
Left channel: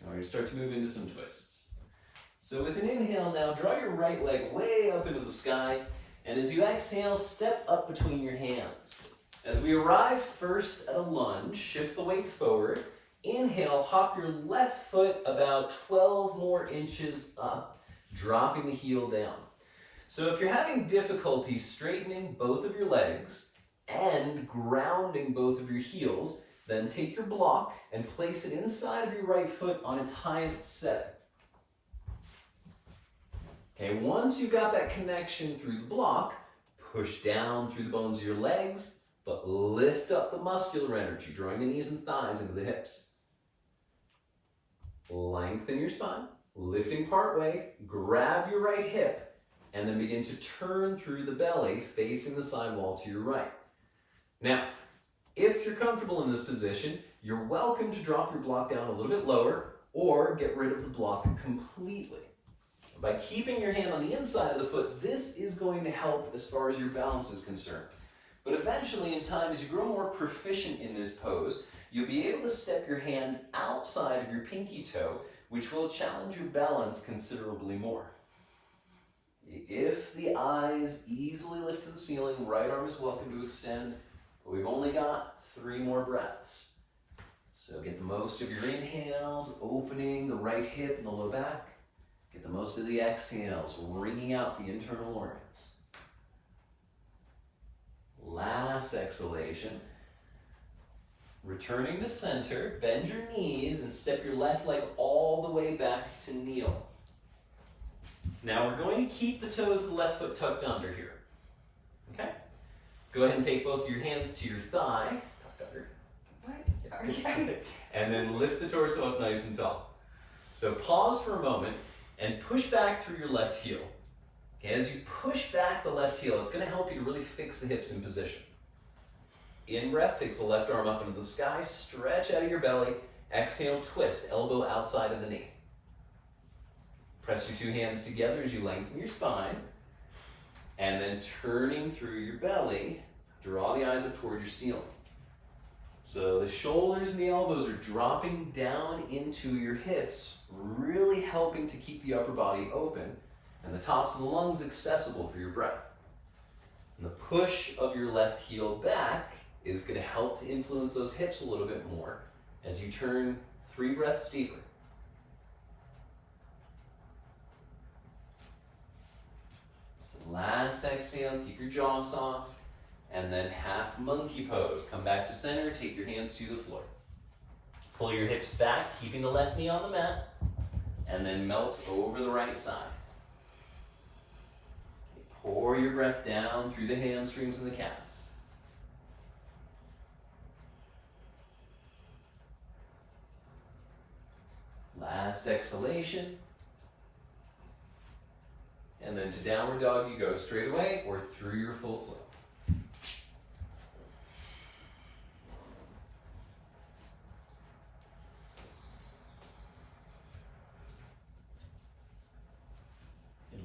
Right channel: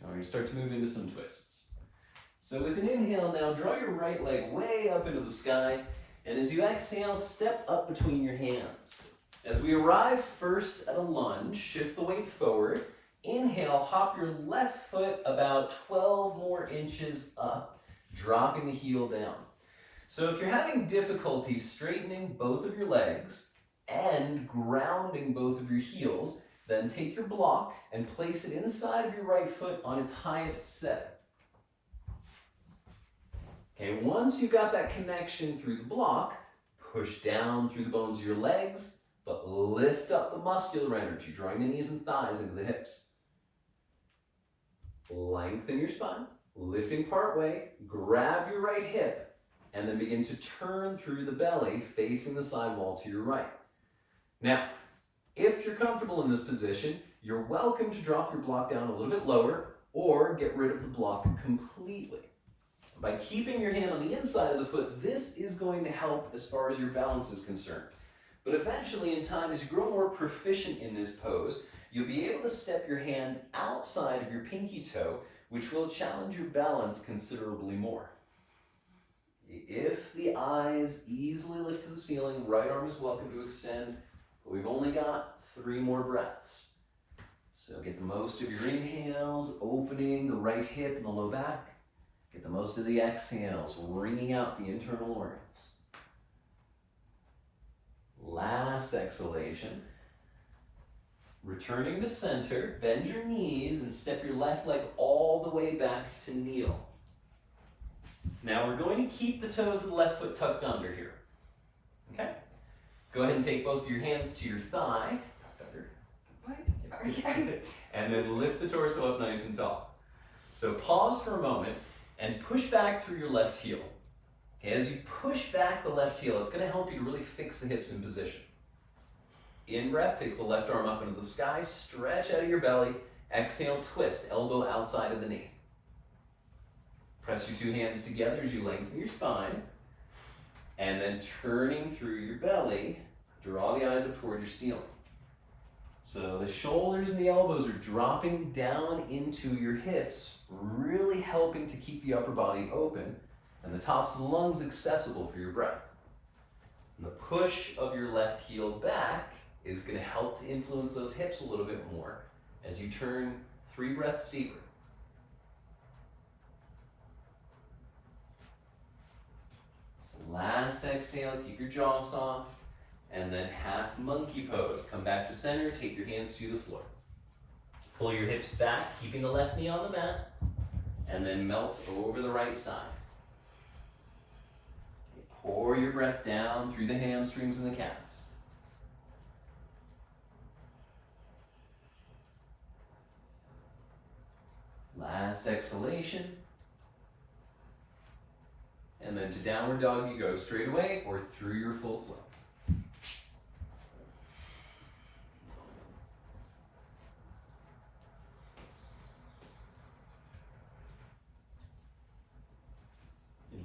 Now we're going to start to move into some twists. So with an inhale now, draw your right leg way up into the sky, and as you exhale, step up between your hands. As we arrive first at a lunge, shift the weight forward. Inhale, hop your left foot about 12 more inches up, dropping the heel down. So if you're having difficulty straightening both of your legs and grounding both of your heels, then take your block and place it inside of your right foot on its highest setting. Okay, once you've got that connection through the block, Push down through the bones of your legs, but lift up the muscular energy, drawing the knees and thighs into the hips. Lengthen your spine, lifting part way, grab your right hip, and then begin to turn through the belly, facing the side wall to your right. Now, if you're comfortable in this position, you're welcome to drop your block down a little bit lower or get rid of the block completely. By keeping your hand on the inside of the foot, this is going to help as far as your balance is concerned. But eventually in time, as you grow more proficient in this pose, you'll be able to step your hand outside of your pinky toe, which will challenge your balance considerably more. If the eyes easily lift to the ceiling, right arm is welcome to extend, but we've only got 3 more breaths. So get the most of your inhales, opening the right hip and the low back. Get the most of the exhales, wringing out the internal organs. Last exhalation. Returning to center, bend your knees and step your left leg all the way back to kneel. Now we're going to keep the toes of the left foot tucked under here. Okay? Go ahead and take both your hands to your thigh, tucked under. What? And then lift the torso up nice and tall. So pause for a moment and push back through your left heel. Okay, as you push back the left heel, it's going to help you to really fix the hips in position. In breath, takes the left arm up into the sky, stretch out of your belly, exhale, twist, elbow outside of the knee. Press your 2 hands together as you lengthen your spine, and then turning through your belly, draw the eyes up toward your ceiling. So the shoulders and the elbows are dropping down into your hips, really helping to keep the upper body open and the tops of the lungs accessible for your breath. And the push of your left heel back is going to help to influence those hips a little bit more as you turn 3 breaths deeper. So last exhale, keep your jaw soft, and then half monkey pose. Come back to center, take your hands to the floor. Pull your hips back, keeping the left knee on the mat, and then melt over the right side. Pour your breath down through the hamstrings and the calves. Last exhalation. And then to downward dog, you go straight away or through your full flow.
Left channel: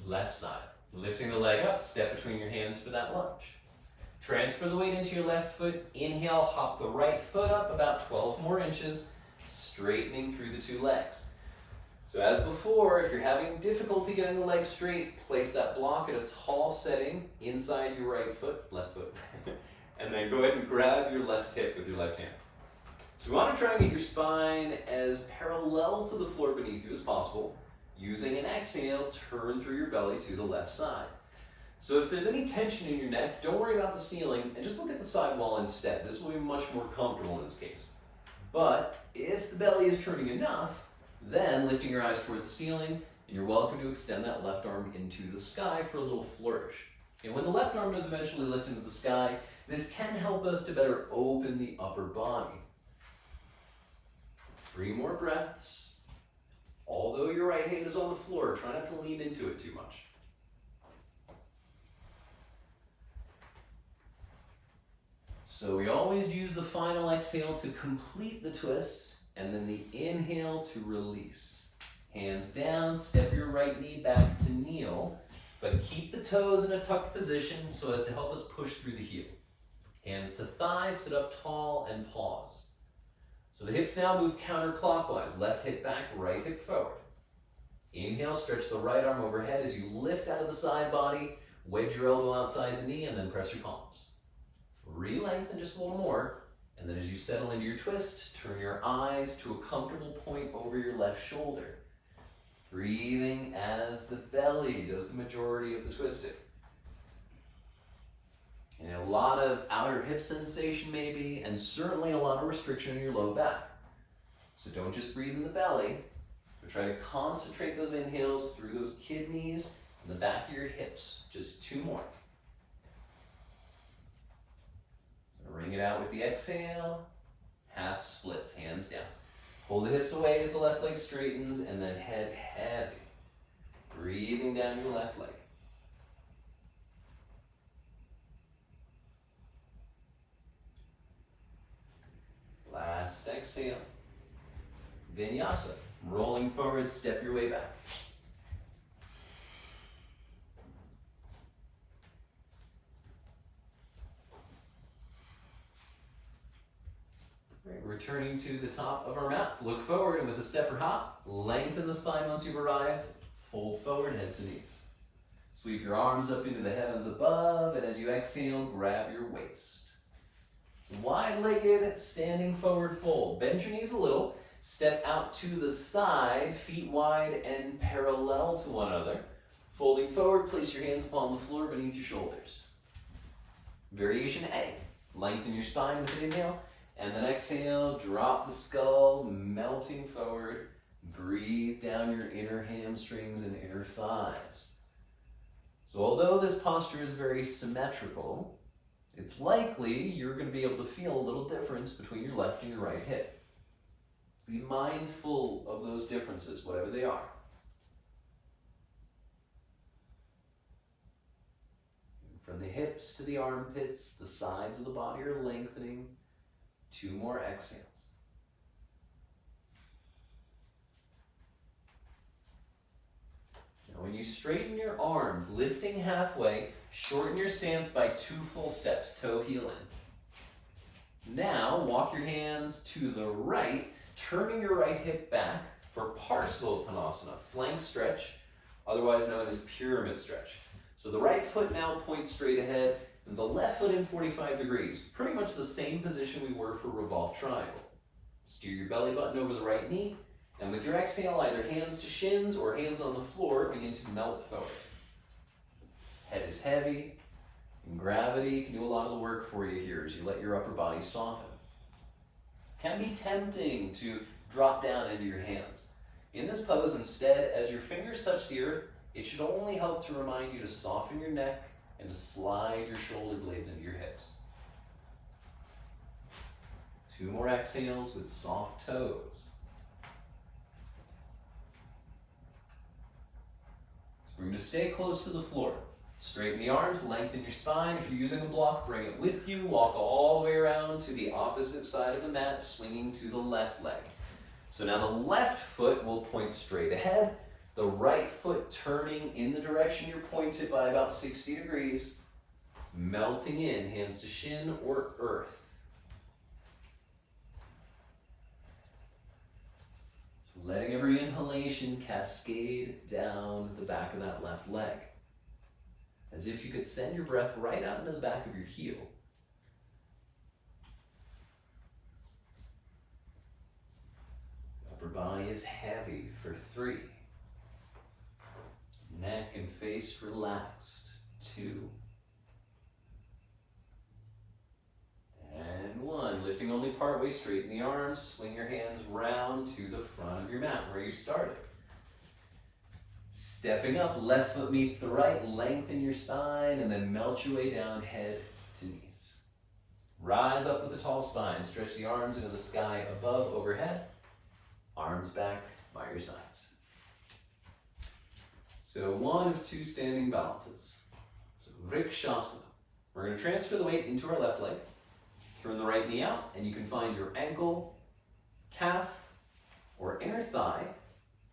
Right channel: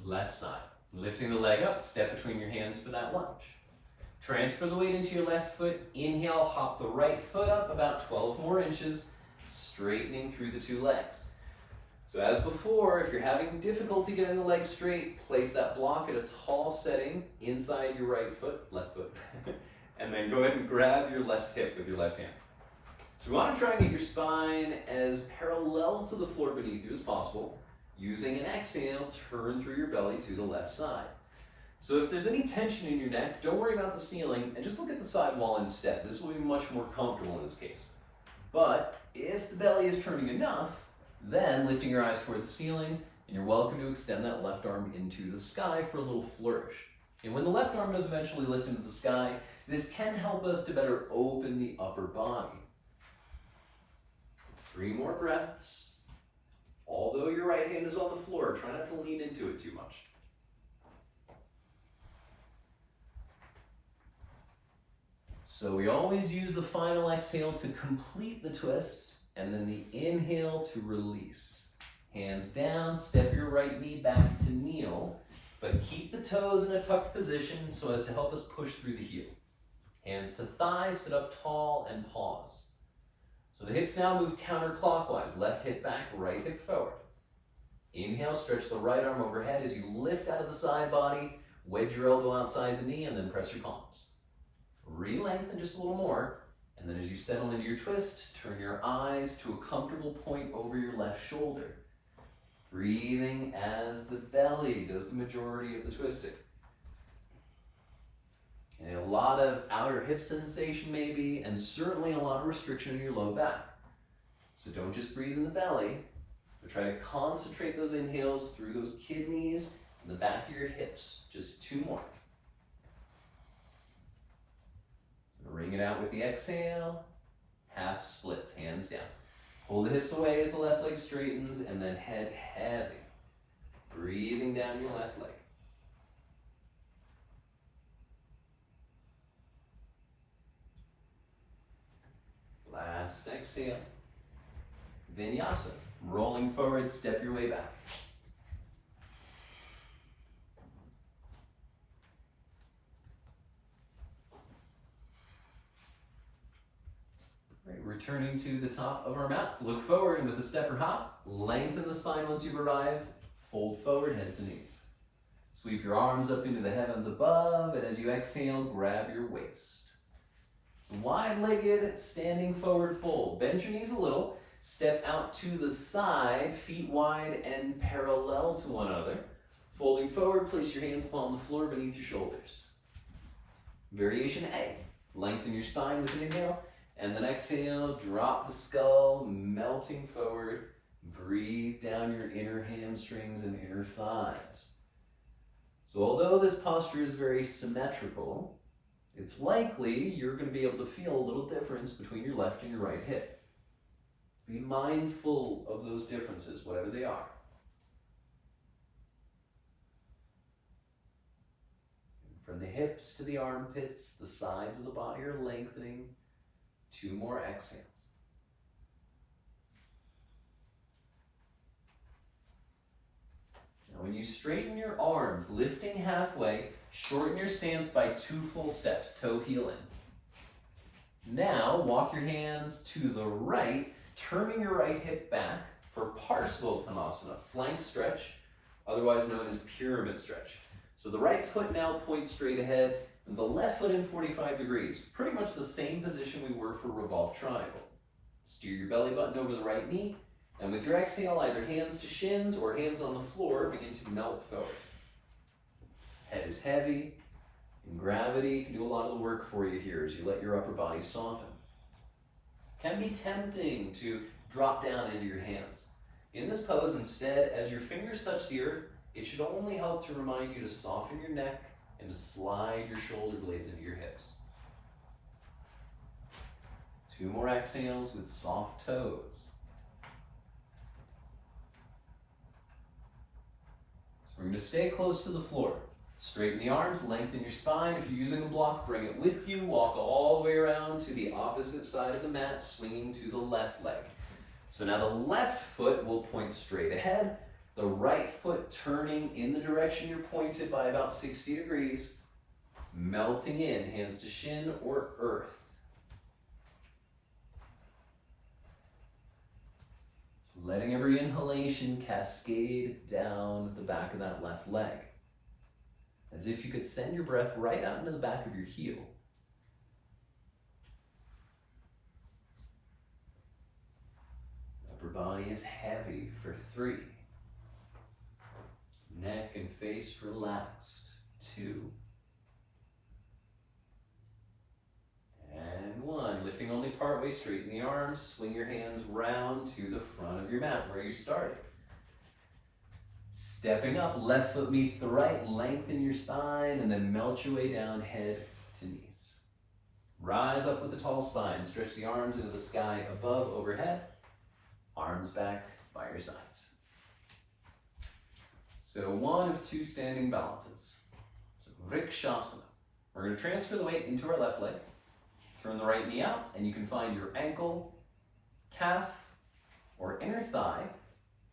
Left side. Lifting the leg up, step between your hands for that lunge. Transfer the weight into your left foot. Inhale, hop the right foot up about 12 more inches, straightening through the 2 legs. So as before, if you're having difficulty getting the leg straight, place that block at a tall setting inside your left foot, and then go ahead and grab your left hip with your left hand. So we want to try and get your spine as parallel to the floor beneath you as possible. Using an exhale, turn through your belly to the left side. So if there's any tension in your neck, don't worry about the ceiling and just look at the side wall instead. This will be much more comfortable in this case. But if the belly is turning enough, then lifting your eyes toward the ceiling, and you're welcome to extend that left arm into the sky for a little flourish. And when the left arm does eventually lift into the sky, this can help us to better open the upper body. 3 more breaths. Although your right hand is on the floor, try not to lean into it too much. So we always use the final exhale to complete the twist, and then the inhale to release. Hands down, step your right knee back to kneel, but keep the toes in a tucked position so as to help us push through the heel. Hands to thighs, sit up tall and pause. So the hips now move counterclockwise, left hip back, right hip forward. Inhale, stretch the right arm overhead as you lift out of the side body, wedge your elbow outside the knee, and then press your palms. Re-lengthen just a little more, and then as you settle into your twist, turn your eyes to a comfortable point over your left shoulder. Breathing as the belly does the majority of the twisting. And a lot of outer hip sensation maybe, and certainly a lot of restriction in your low back. So don't just breathe in the belly, but try to concentrate those inhales through those kidneys and the back of your hips. Just 2 more. Bring it out with the exhale. Half splits, hands down. Pull the hips away as the left leg straightens, and then head heavy. Breathing down your left leg. Last exhale. Vinyasa. Rolling forward, step your way back. Right, returning to the top of our mats. Look forward and with a step or hop, lengthen the spine once you've arrived. Fold forward, head to knees. Sweep your arms up into the heavens above, and as you exhale, grab your waist. So wide-legged, standing forward fold. Bend your knees a little. Step out to the side, feet wide and parallel to one another. Folding forward, place your hands upon the floor beneath your shoulders. Variation A. Lengthen your spine with an inhale, and then exhale, drop the skull, melting forward. Breathe down your inner hamstrings and inner thighs. So although this posture is very symmetrical, it's likely you're going to be able to feel a little difference between your left and your right hip. Be mindful of those differences, whatever they are. From the hips to the armpits, the sides of the body are lengthening. 2 more exhales. Now when you straighten your arms, lifting halfway, shorten your stance by 2 full steps, toe heel in. Now walk your hands to the right, turning your right hip back for Parshvottanasana, flank stretch, otherwise known as pyramid stretch. So the right foot now points straight ahead, and the left foot in 45 degrees, pretty much the same position we were for revolved triangle. Steer your belly button over the right knee, and with your exhale, either hands to shins or hands on the floor, begin to melt forward. Head is heavy, and gravity can do a lot of the work for you here as you let your upper body soften. Can be tempting to drop down into your hands. In this pose, instead, as your fingers touch the earth, it should only help to remind you to soften your neck and to slide your shoulder blades into your hips. 2 more exhales with soft toes. So we're going to stay close to the floor. Straighten the arms, lengthen your spine. If you're using a block, bring it with you. Walk all the way around to the opposite side of the mat, swinging to the left leg. So now the left foot will point straight ahead. The right foot turning in the direction you're pointed by about 60 degrees, melting in, hands to shin or earth. So letting every inhalation cascade down the back of that left leg, as if you could send your breath right out into the back of your heel. Upper body is heavy for 3. Neck and face relaxed. 2. And 1. Lifting only partway, straighten the arms, swing your hands round to the front of your mat where you started. Stepping up, left foot meets the right, lengthen your spine, and then melt your way down, head to knees. Rise up with a tall spine, stretch the arms into the sky above, overhead, arms back by your sides. So 1 of 2 standing balances. So Vrikshasana. We're going to transfer the weight into our left leg, turn the right knee out, and you can find your ankle, calf, or inner thigh,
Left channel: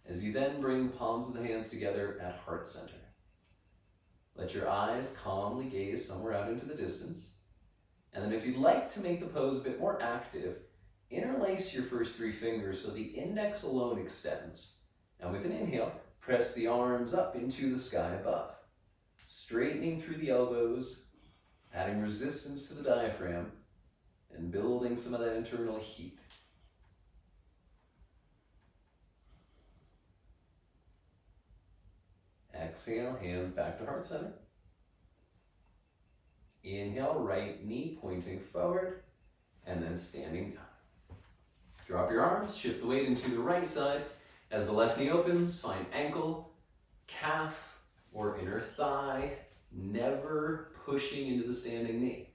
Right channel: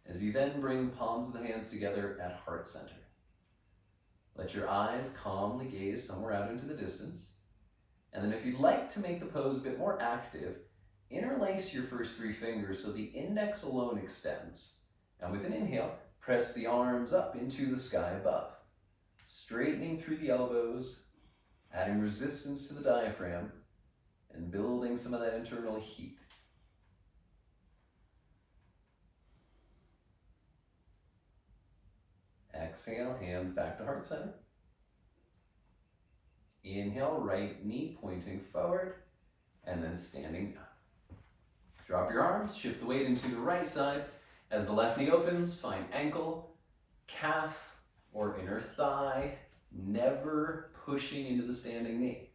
as you then bring the palms of the hands together at heart center. Let your eyes calmly gaze somewhere out into the distance. And then if you'd like to make the pose a bit more active, interlace your first 3 fingers so the index alone extends. And with an inhale, press the arms up into the sky above, straightening through the elbows, adding resistance to the diaphragm, and building some of that internal heat. Exhale, hands back to heart center. Inhale, right knee pointing forward, and then standing down. Drop your arms, shift the weight into the right side. As the left knee opens, find ankle, calf, or inner thigh, never pushing into the standing knee.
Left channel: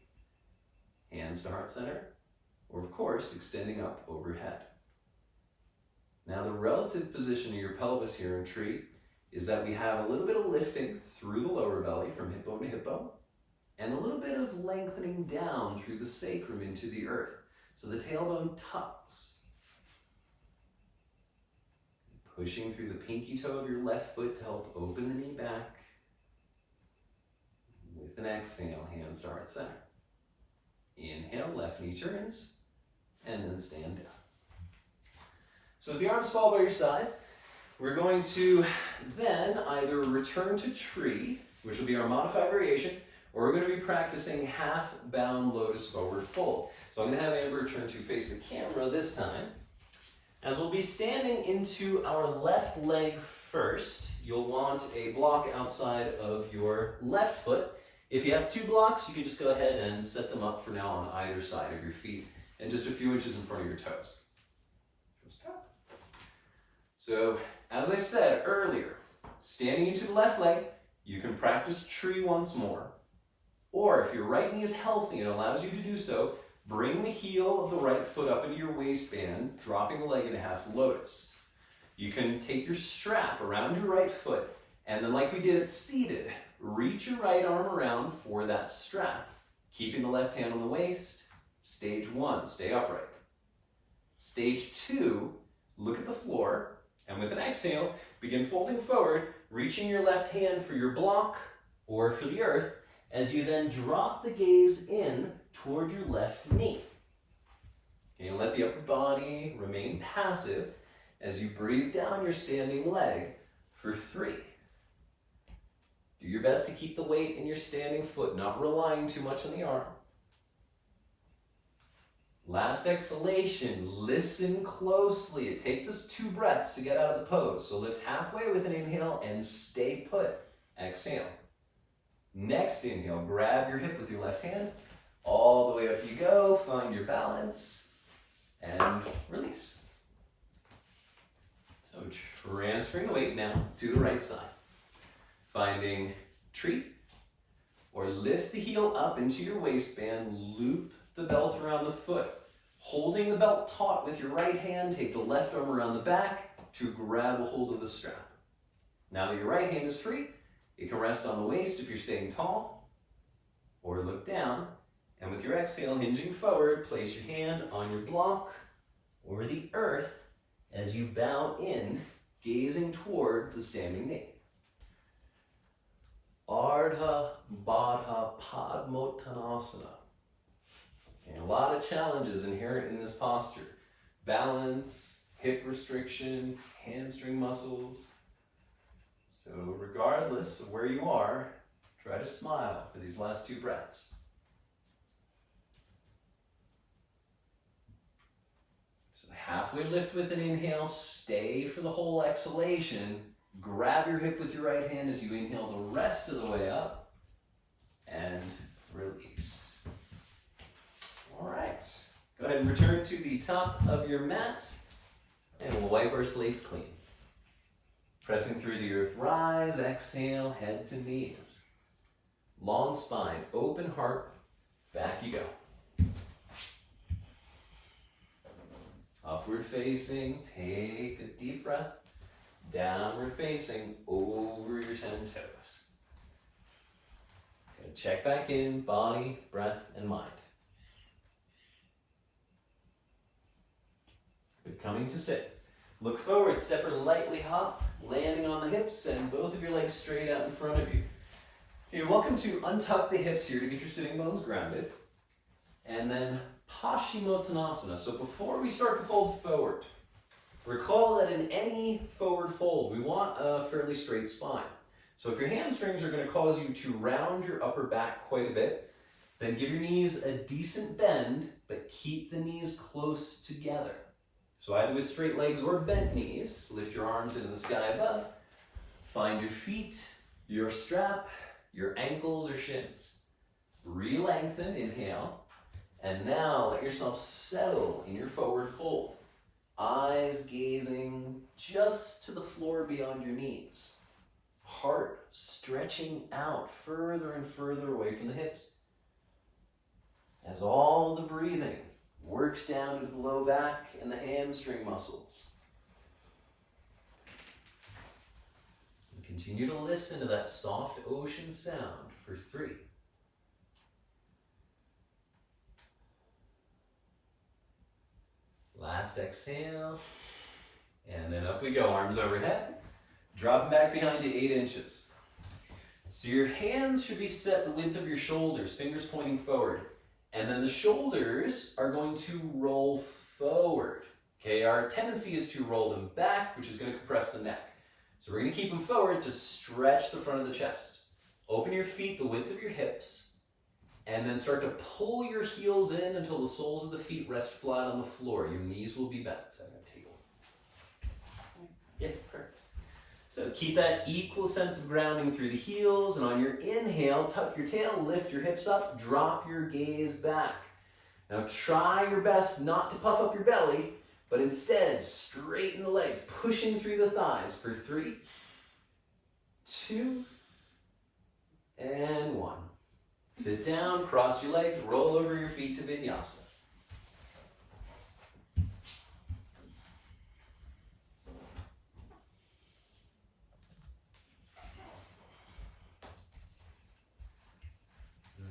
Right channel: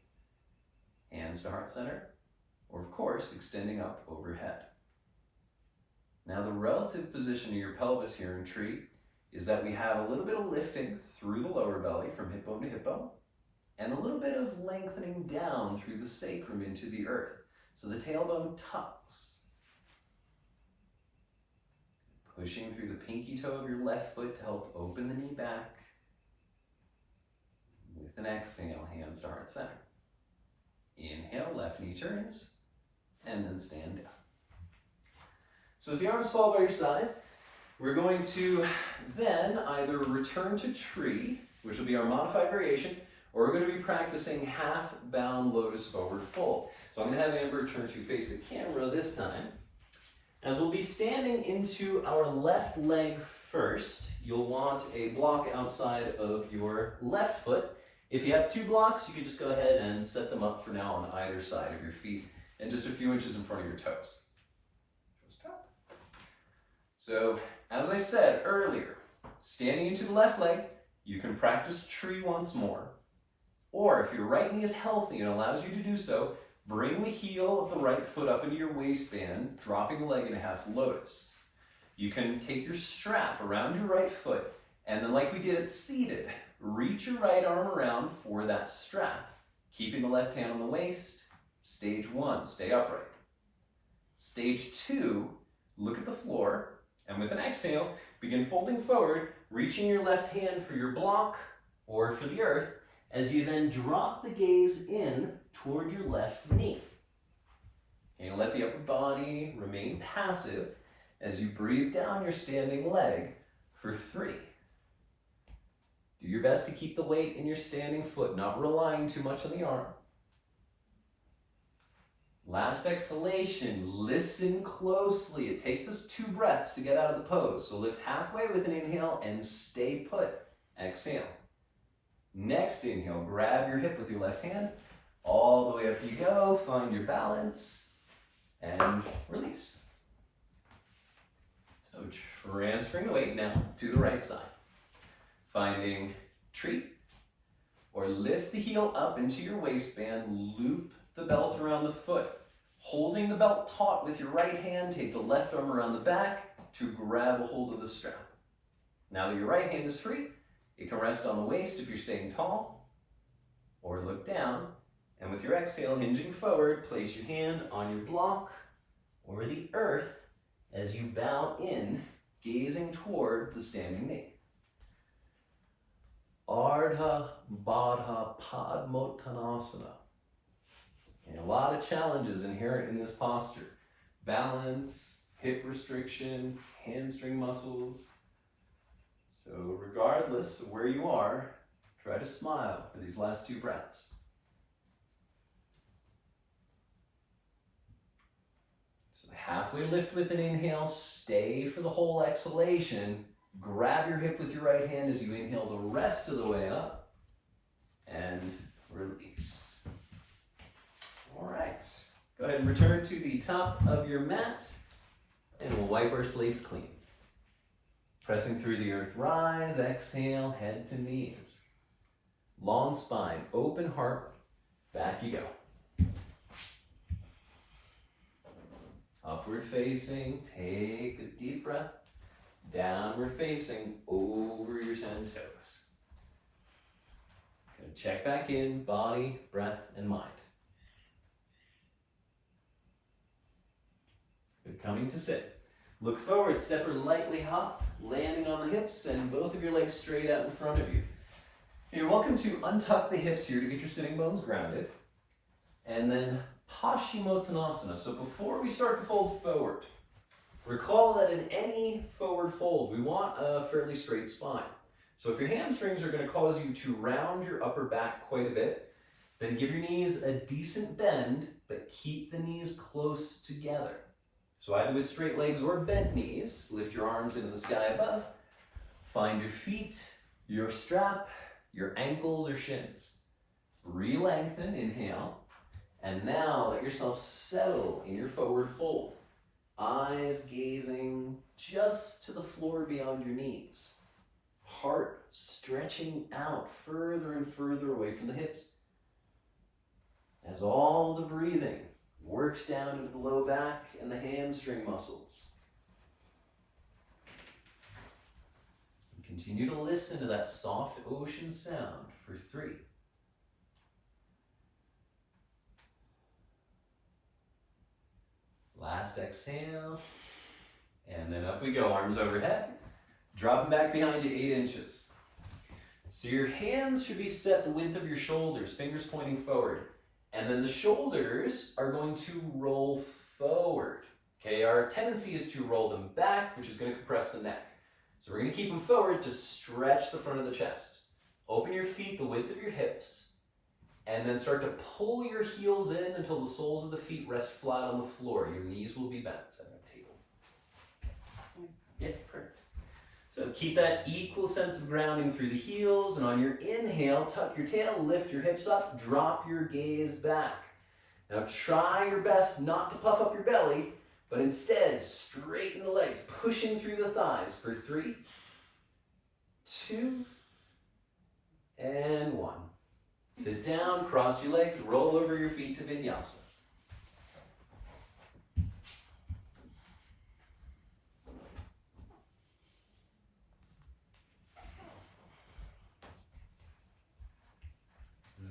hands to heart center, or of course, extending up overhead. Now the relative position of your pelvis here in tree is that we have a little bit of lifting through the lower belly from hip bone to hip bone, and a little bit of lengthening down through the sacrum into the earth. So the tailbone tucks. Pushing through the pinky toe of your left foot to help open the knee back. With an exhale, hands to heart center. Inhale, left knee turns, and then stand down. So as the arms fall by your sides, we're going to then either return to tree, which will be our modified variation, or we're going to be practicing half bound lotus forward fold. So I'm going to have Amber turn to face the camera this time. As we'll be standing into our left leg first, you'll want a block outside of your left foot. If you have two blocks, you can just go ahead and set them up for now on either side of your feet and just a few inches in front of your toes. So, as I said earlier, standing into the left leg, you can practice tree once more. Or if your right knee is healthy and allows you to do so, bring the heel of the right foot up into your waistband, dropping the leg in a half lotus. You can take your strap around your right foot, and then like we did at seated, reach your right arm around for that strap, keeping the left hand on the waist. Stage 1, stay upright. Stage 2, look at the floor, and with an exhale, begin folding forward, reaching your left hand for your block or for the earth, as you then drop the gaze in toward your left knee. And let the upper body remain passive as you breathe down your standing leg for 3. Do your best to keep the weight in your standing foot, not relying too much on the arm. Last exhalation, listen closely. It takes us 2 breaths to get out of the pose. So lift halfway with an inhale and stay put. Exhale. Next inhale, grab your hip with your left hand. All the way up you go, find your balance, and release. So transferring the weight now to the right side. Finding tree, or lift the heel up into your waistband, loop the belt around the foot. Holding the belt taut with your right hand, take the left arm around the back to grab a hold of the strap. Now that your right hand is free, it can rest on the waist if you're staying tall, or look down, and with your exhale, hinging forward, place your hand on your block or the earth as you bow in, gazing toward the standing knee. Ardha Baddha Padmottanasana. And a lot of challenges inherent in this posture. Balance, hip restriction, hamstring muscles. So regardless of where you are, try to smile for these last 2 breaths. So halfway lift with an inhale, stay for the whole exhalation. Grab your hip with your right hand as you inhale the rest of the way up, and release. All right, go ahead and return to the top of your mat, and we'll wipe our slates clean. Pressing through the earth, rise, exhale, head to knees. Long spine, open heart, back you go. Upward facing, take a deep breath. Downward facing, over your 10 toes. Gonna check back in, body, breath, and mind. Good, coming to sit. Look forward, step or lightly hop, landing on the hips and both of your legs straight out in front of you. You're welcome to untuck the hips here to get your sitting bones grounded. And then Paschimottanasana. So before we start to fold forward, recall that in any forward fold, we want a fairly straight spine. So if your hamstrings are going to cause you to round your upper back quite a bit, then give your knees a decent bend, but keep the knees close together. So either with straight legs or bent knees, lift your arms into the sky above, find your feet, your strap, your ankles or shins. Re-lengthen, inhale, and now let yourself settle in your forward fold. Eyes gazing just to the floor beyond your knees. Heart stretching out further and further away from the hips. as all the breathing works down into the low back and the hamstring muscles. And continue to listen to that soft ocean sound for 3. Last exhale, and then up we go, arms overhead, dropping back behind you 8 inches. So your hands should be set the width of your shoulders, fingers pointing forward. And then the shoulders are going to roll forward. Okay, our tendency is to roll them back, which is going to compress the neck. So we're going to keep them forward to stretch the front of the chest. Open your feet the width of your hips, and then start to pull your heels in until the soles of the feet rest flat on the floor. Your knees will be bent. Set on the table. Yeah, perfect. So keep that equal sense of grounding through the heels, and on your inhale, tuck your tail, lift your hips up, drop your gaze back. Now try your best not to puff up your belly, but instead straighten the legs, pushing through the thighs for 3, 2, and 1. Sit down, cross your legs, roll over your feet to Vinyasa.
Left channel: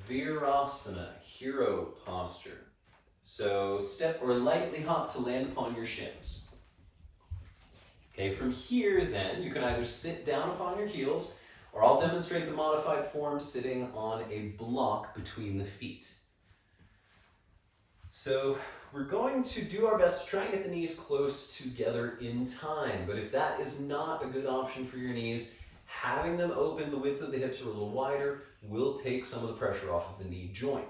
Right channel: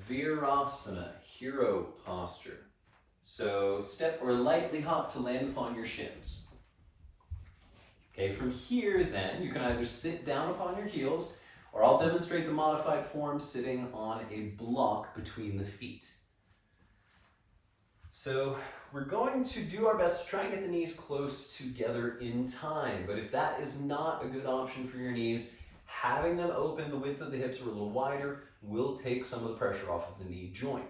Virasana, hero posture. So step or lightly hop to land upon your shins. Okay, from here then, you can either sit down upon your heels, or I'll demonstrate the modified form sitting on a block between the feet. So we're going to do our best to try and get the knees close together in time, but if that is not a good option for your knees, having them open the width of the hips or a little wider will take some of the pressure off of the knee joint.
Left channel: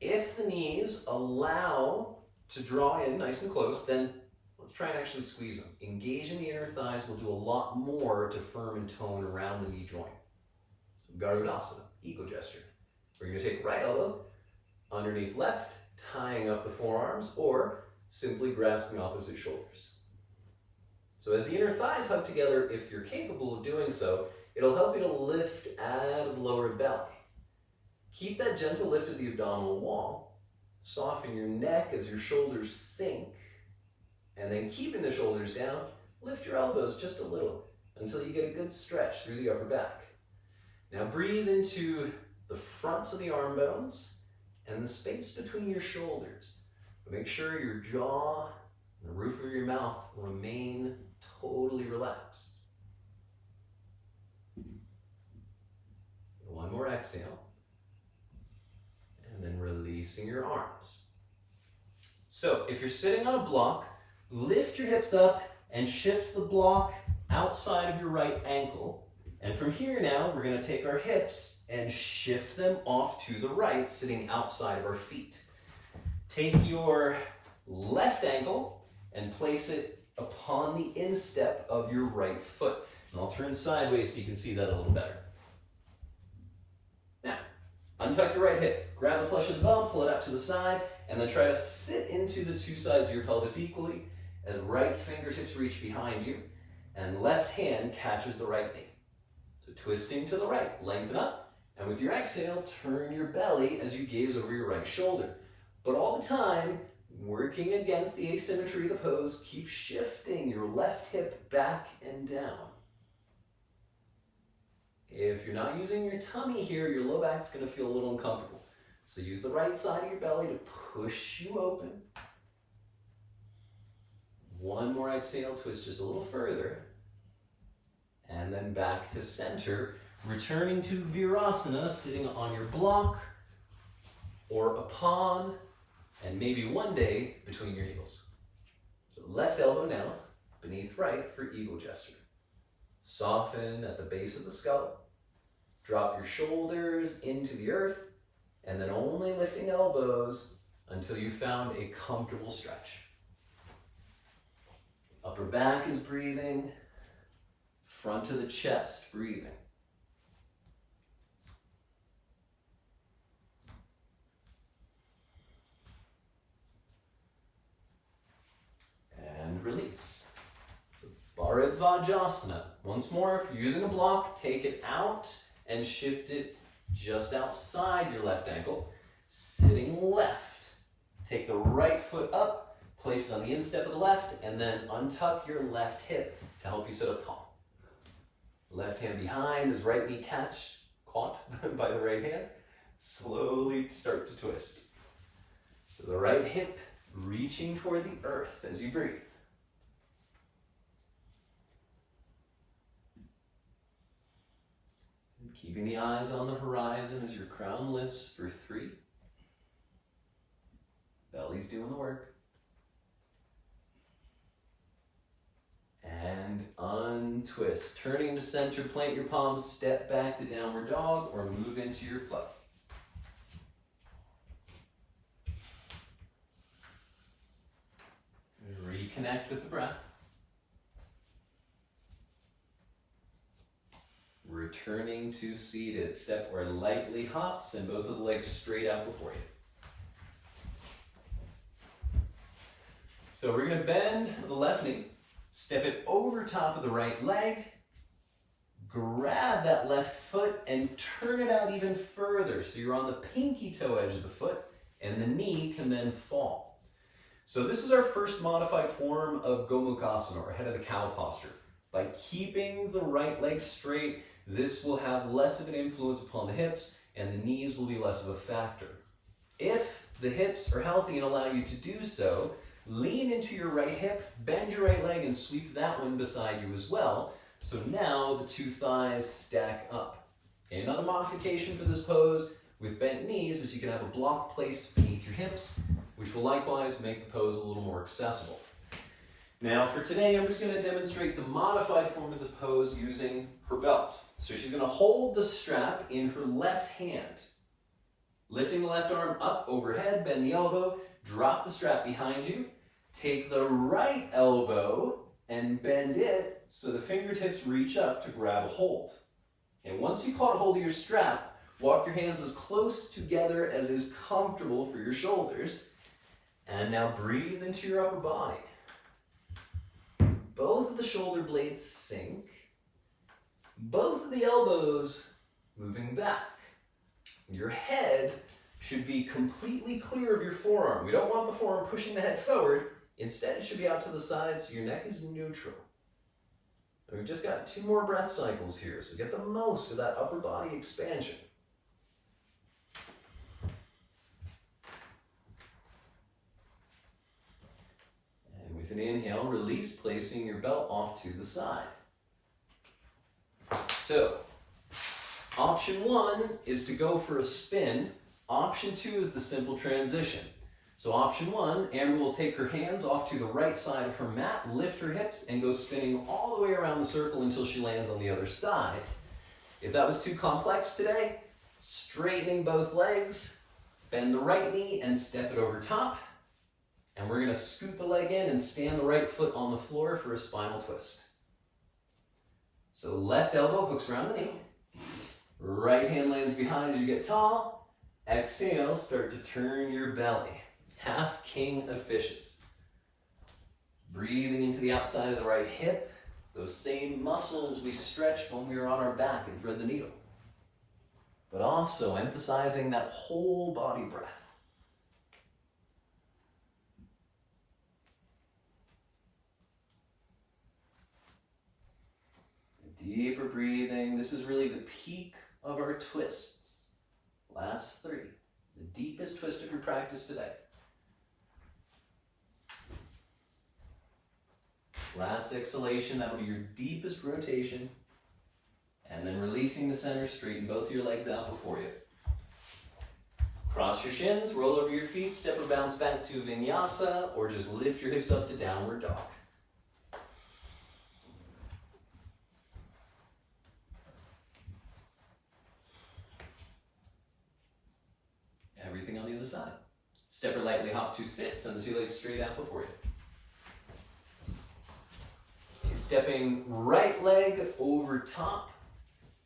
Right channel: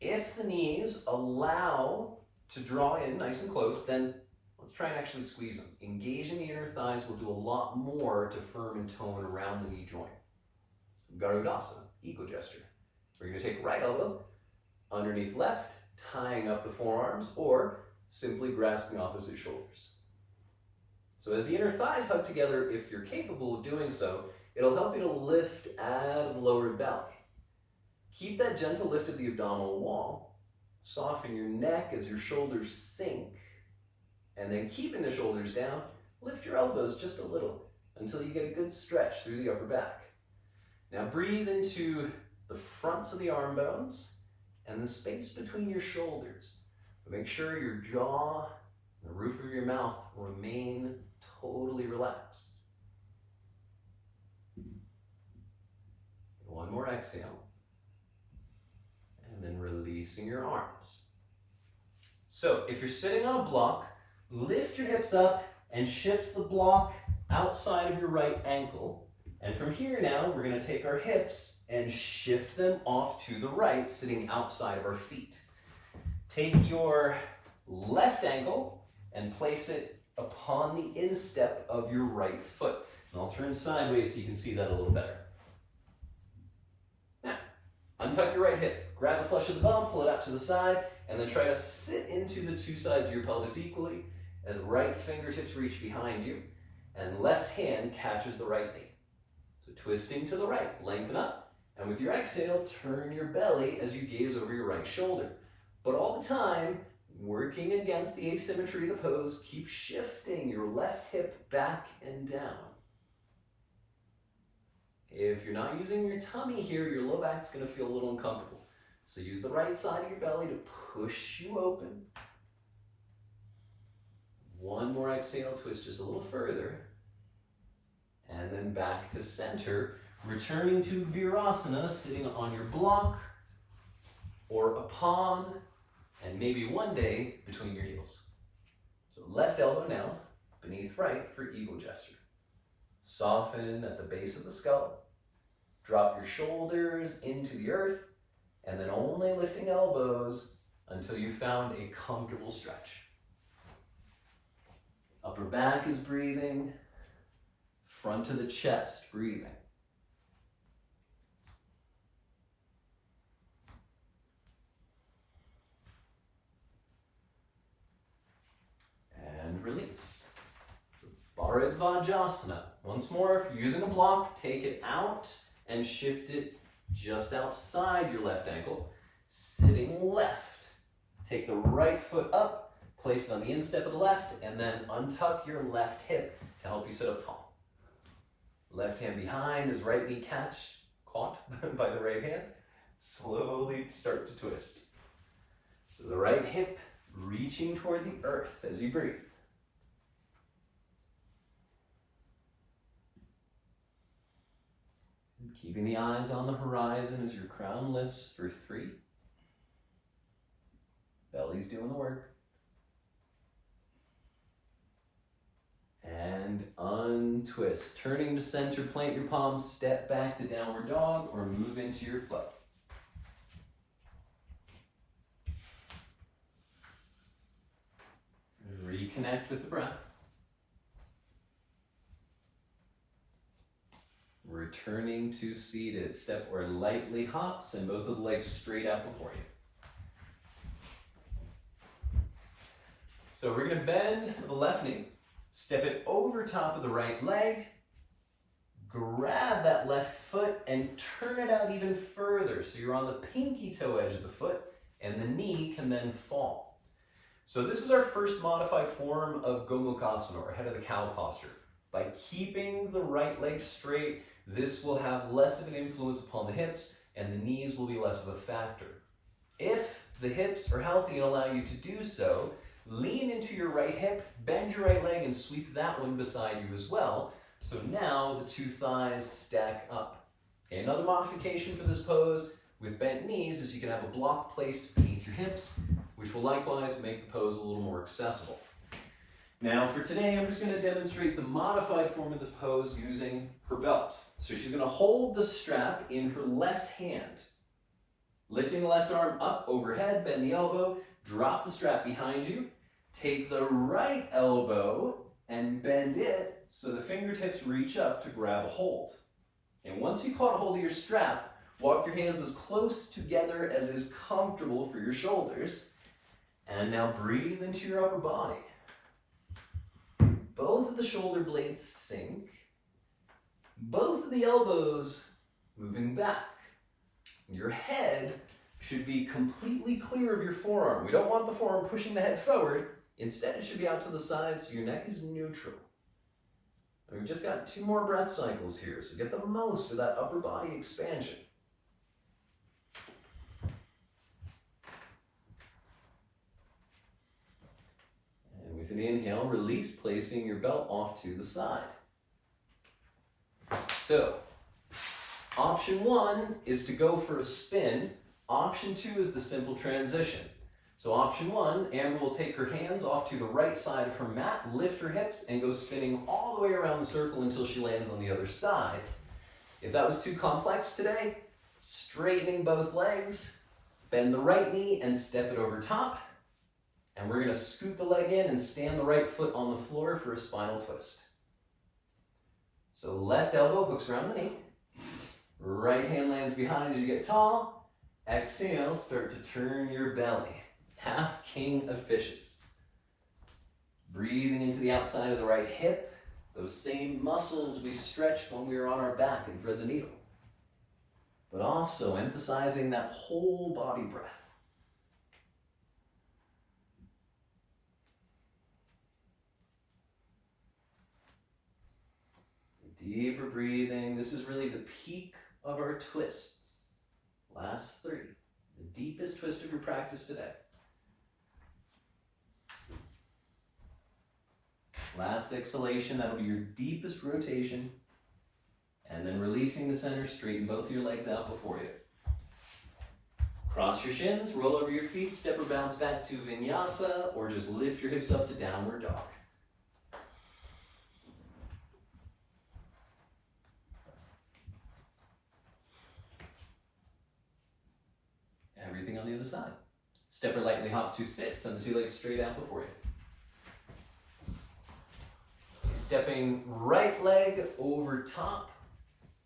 If the knees allow to draw in nice and close, then let's try and actually squeeze them. Engaging the inner thighs will do a lot more to firm and tone around the knee joint. Garudasana, eagle gesture. We're going to take right elbow underneath left, tying up the forearms, or simply grasping opposite shoulders. So as the inner thighs hug together, if you're capable of doing so, it'll help you to lift out of the lower belly. Keep that gentle lift of the abdominal wall. Soften your neck as your shoulders sink. And then keeping the shoulders down, lift your elbows just a little until you get a good stretch through the upper back. Now breathe into the fronts of the arm bones and the space between your shoulders. But make sure your jaw and the roof of your mouth remain totally relaxed. One more exhale. And then releasing your arms. So if you're sitting on a block, lift your hips up and shift the block outside of your right ankle. And from here now, we're going to take our hips and shift them off to the right, sitting outside of our feet. Take your left ankle and place it upon the instep of your right foot. And I'll turn sideways so you can see that a little better. Now, untuck your right hip, grab a flush of the bum, pull it out to the side, and then try to sit into the 2 sides of your pelvis equally as right fingertips reach behind you and left hand catches the right knee. So twisting to the right, lengthen up, and with your exhale, turn your belly as you gaze over your right shoulder. But all the time, working against the asymmetry of the pose, keep shifting your left hip back and down. If you're not using your tummy here, your low back's going to feel a little uncomfortable. So use the right side of your belly to push you open. One more exhale, twist just a little further. And then back to center, returning to Virasana, sitting on your block or upon, and maybe one day between your heels. So left elbow now, beneath right for eagle gesture. Soften at the base of the skull. Drop your shoulders into the earth, and then only lifting elbows until you found a comfortable stretch. Upper back is breathing, front of the chest breathing. And release. So Bharadvajasana. Once more, if you're using a block, take it out and shift it just outside your left ankle. Sitting left. Take the right foot up, place it on the instep of the left, and then untuck your left hip to help you sit up tall. Left hand behind as right knee caught by the right hand. Slowly start to twist. So the right hip reaching toward the earth as you breathe. And keeping the eyes on the horizon as your crown lifts for 3. Belly's doing the work. And untwist. Turning to center, plant your palms, step back to downward dog, or move into your flow. Reconnect with the breath. Returning to seated. Step or lightly hops and both of the legs straight out before you. So we're going to bend the left knee, step it over top of the right leg, grab that left foot and turn it out even further so you're on the pinky toe edge of the foot and the knee can then fall. So this is our first modified form of Gomukhasana, or head of the cow posture. By keeping the right leg straight, this will have less of an influence upon the hips and the knees will be less of a factor. If the hips are healthy and allow you to do so, lean into your right hip, bend your right leg, and sweep that one beside you as well. So now the 2 thighs stack up. Okay, another modification for this pose with bent knees is you can have a block placed beneath your hips, which will likewise make the pose a little more accessible. Now for today, I'm just going to demonstrate the modified form of the pose using her belt. So she's going to hold the strap in her left hand. Lifting the left arm up overhead, bend the elbow, drop the strap behind you, take the right elbow and bend it so the fingertips reach up to grab a hold. And once you caught a hold of your strap, walk your hands as close together as is comfortable for your shoulders. And now breathe into your upper body. Both of the shoulder blades sink. Both of the elbows moving back. Your head should be completely clear of your forearm. We don't want the forearm pushing the head forward. Instead, it should be out to the side so your neck is neutral. And we've just got 2 more breath cycles here, so get the most of that upper body expansion. And with an inhale, release, placing your belt off to the side. So, option 1 is to go for a spin. Option 2 is the simple transition. So option 1, Amber will take her hands off to the right side of her mat, lift her hips, and go spinning all the way around the circle until she lands on the other side. If that was too complex today, straightening both legs, bend the right knee and step it over top. And we're going to scoot the leg in and stand the right foot on the floor for a spinal twist. So left elbow hooks around the knee. Right hand lands behind as you get tall. Exhale, start to turn your belly. Half king of fishes. Breathing into the outside of the right hip. Those same muscles we stretched when we were on our back and thread the needle. But also emphasizing that whole body breath. Deeper breathing. This is really the peak of our twists. Last 3. The deepest twist of your practice today. Last exhalation, that'll be your deepest rotation. And then releasing the center, straighten both your legs out before you. Cross your shins, roll over your feet, step or bounce back to vinyasa, or just lift your hips up to downward dog. Everything on the other side. Step or lightly hop to sit, send the 2 legs straight out before you. Stepping right leg over top,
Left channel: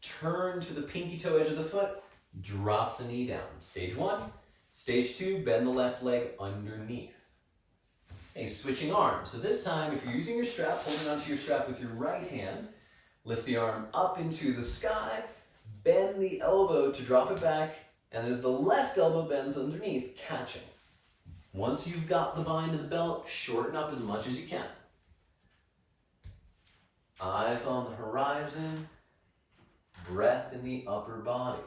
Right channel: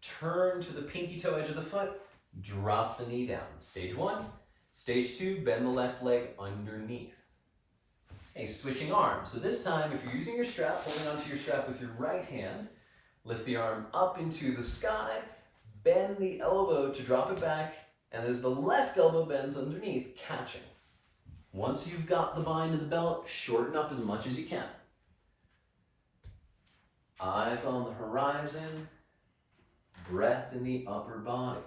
turn to the pinky toe edge of the foot, drop the knee down. Stage 1. Stage 2, bend the left leg underneath. Okay, switching arms. So this time, if you're using your strap, holding onto your strap with your right hand, lift the arm up into the sky, bend the elbow to drop it back, And as the left elbow bends underneath, catching. Once you've got the bind of the belt, shorten up as much as you can. Eyes on the horizon, breath in the upper body.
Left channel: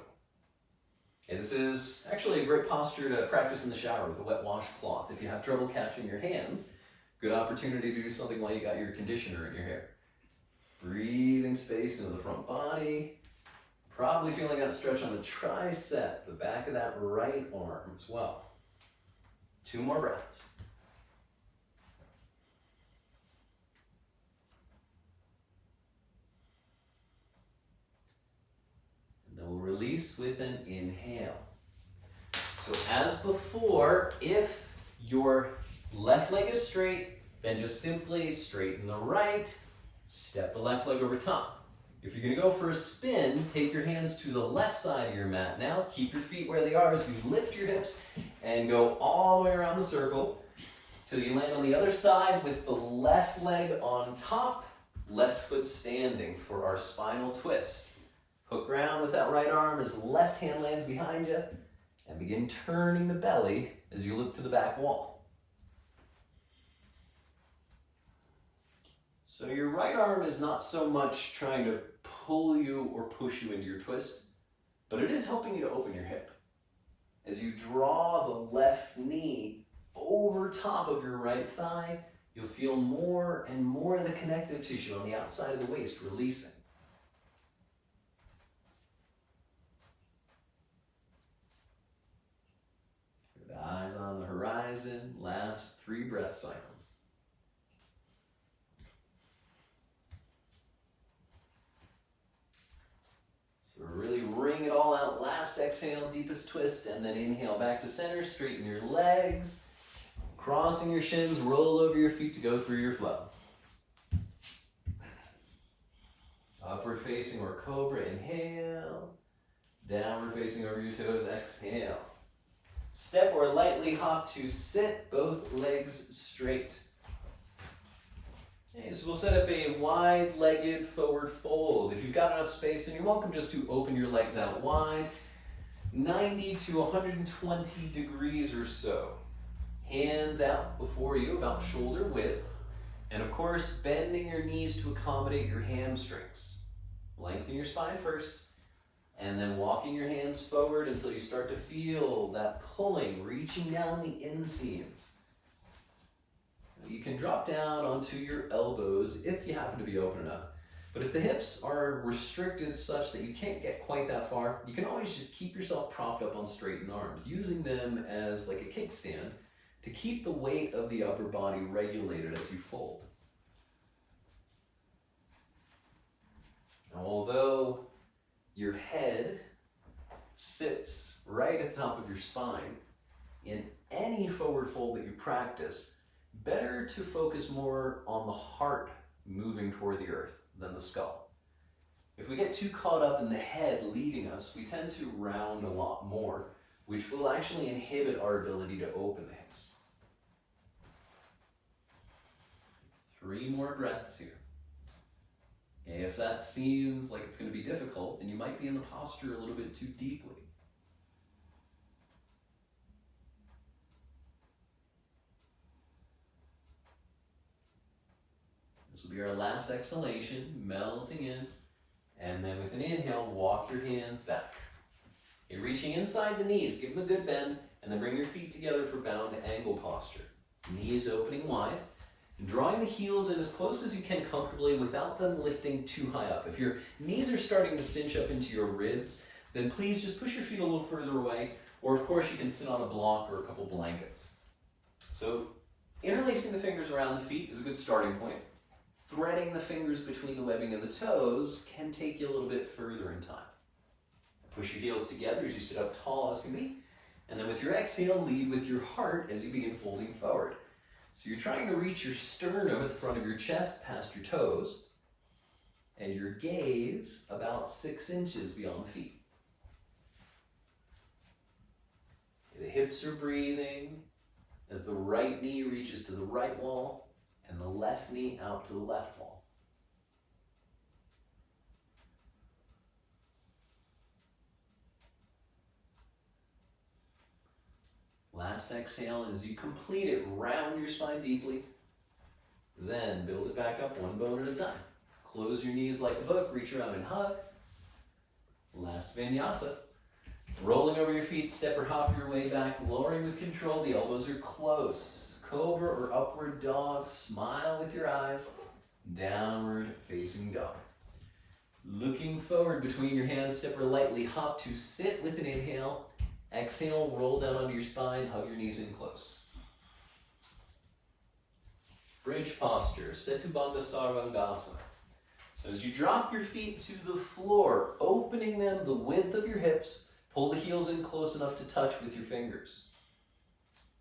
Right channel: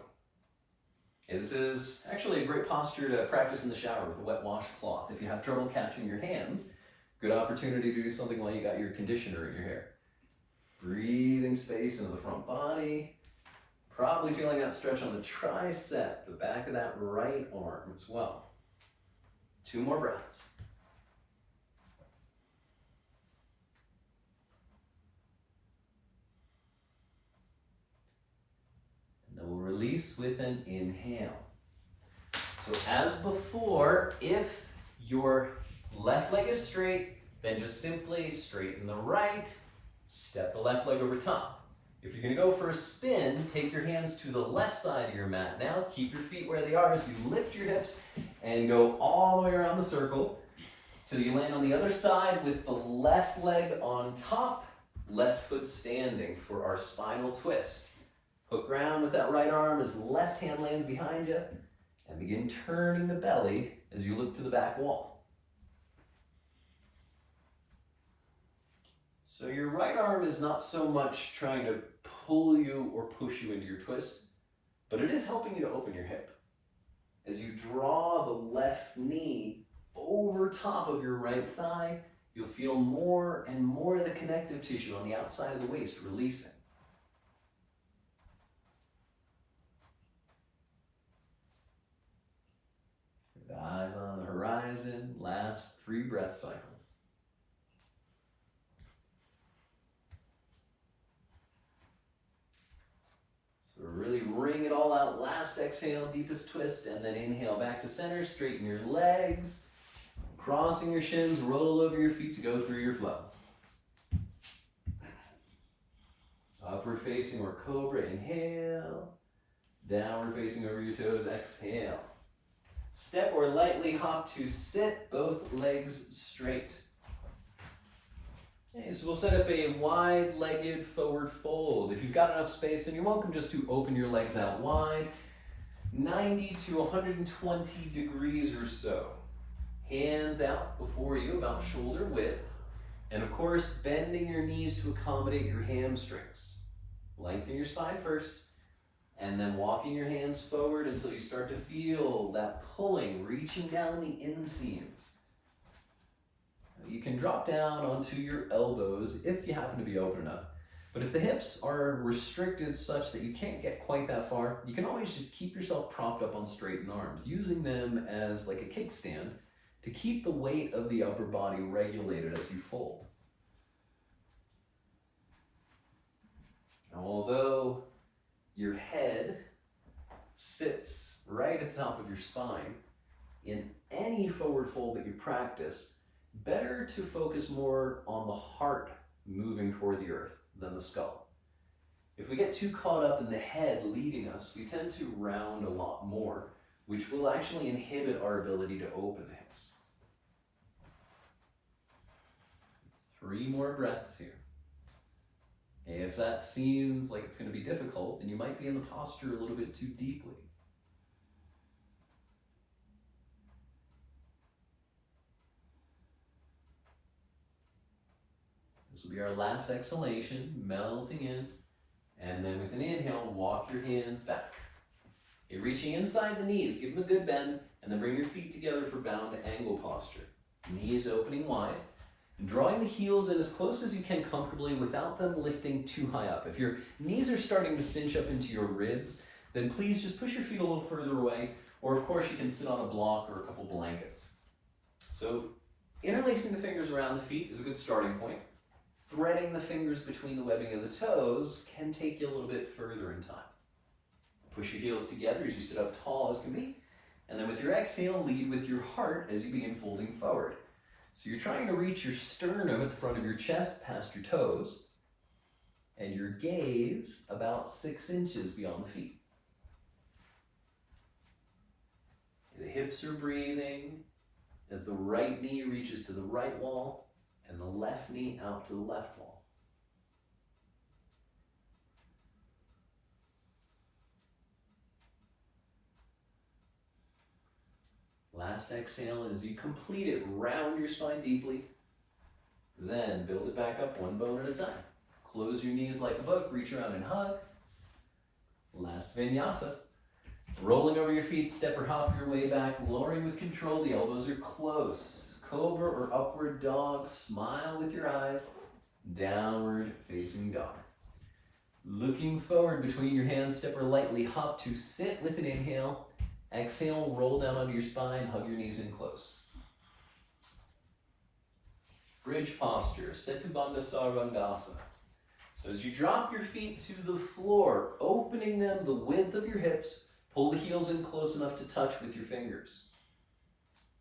Okay, this is actually a great posture to practice in the shower with a wet washcloth. If you have trouble catching your hands, good opportunity to do something while you got your conditioner in your hair. Breathing space into the front body. Probably feeling that stretch on the tricep, the back of that right arm as well. 2 more breaths. And then we'll release with an inhale. So as before, if your left leg is straight, then just simply straighten the right, step the left leg over top. If you're gonna go for a spin, take your hands to the left side of your mat now. Keep your feet where they are as you lift your hips and go all the way around the circle till you land on the other side with the left leg on top, left foot standing for our spinal twist. Hook around with that right arm as the left hand lands behind you and begin turning the belly as you look to the back wall. So your right arm is not so much trying to pull you or push you into your twist, but it is helping you to open your hip. As you draw the left knee over top of your right thigh, you'll feel more and more of the connective tissue on the outside of the waist releasing. With eyes on the horizon, last 3 breath cycles. So really wring it all out. Last exhale, deepest twist, and then inhale back to center. Straighten your legs, crossing your shins, roll over your feet to go through your flow. Upward facing or cobra, inhale. Downward facing over your toes, exhale. Step or lightly hop to sit, both legs straight. Okay, so we'll set up a wide-legged forward fold. If you've got enough space, then you're welcome just to open your legs out wide, 90 to 120 degrees or so. Hands out before you, about shoulder width. And of course, bending your knees to accommodate your hamstrings. Lengthen your spine first, and then walking your hands forward until you start to feel that pulling, reaching down the inseams. You can drop down onto your elbows if you happen to be open enough. But if the hips are restricted such that you can't get quite that far, you can always just keep yourself propped up on straightened arms, using them as like a kickstand to keep the weight of the upper body regulated as you fold. Now, although your head sits right at the top of your spine, in any forward fold that you practice, better to focus more on the heart moving toward the earth than the skull. If we get too caught up in the head leading us, we tend to round a lot more, which will actually inhibit our ability to open the hips. 3 more breaths here. If that seems like it's going to be difficult, then you might be in the posture a little bit too deeply. This will be our last exhalation, melting in, and then with an inhale, walk your hands back. You're reaching inside the knees, give them a good bend, and then bring your feet together for bound angle posture. Knees opening wide, and drawing the heels in as close as you can comfortably without them lifting too high up. If your knees are starting to cinch up into your ribs, then please just push your feet a little further away, or of course you can sit on a block or a couple blankets. So interlacing the fingers around the feet is a good starting point. Threading the fingers between the webbing of the toes can take you a little bit further in time. Push your heels together as you sit up tall as can be, and then with your exhale, lead with your heart as you begin folding forward. So you're trying to reach your sternum at the front of your chest past your toes, and your gaze about 6 inches beyond the feet. The hips are breathing as the right knee reaches to the right wall, and the left knee out to the left wall. last exhale, and as you complete it, round your spine deeply. Then build it back up one bone at a time. Close your knees like a book, reach around and hug. Last vinyasa. Rolling over your feet, step or hop your way back, lowering with control, the elbows are close. Cobra or upward dog, smile with your eyes. Downward facing dog. Looking forward between your hands, step or lightly hop to sit with an inhale. Exhale, roll down onto your spine, hug your knees in close. Bridge posture, Setubandha Sarvangasana. So as you drop your feet to the floor, opening them the width of your hips, pull the heels in close enough to touch with your fingers.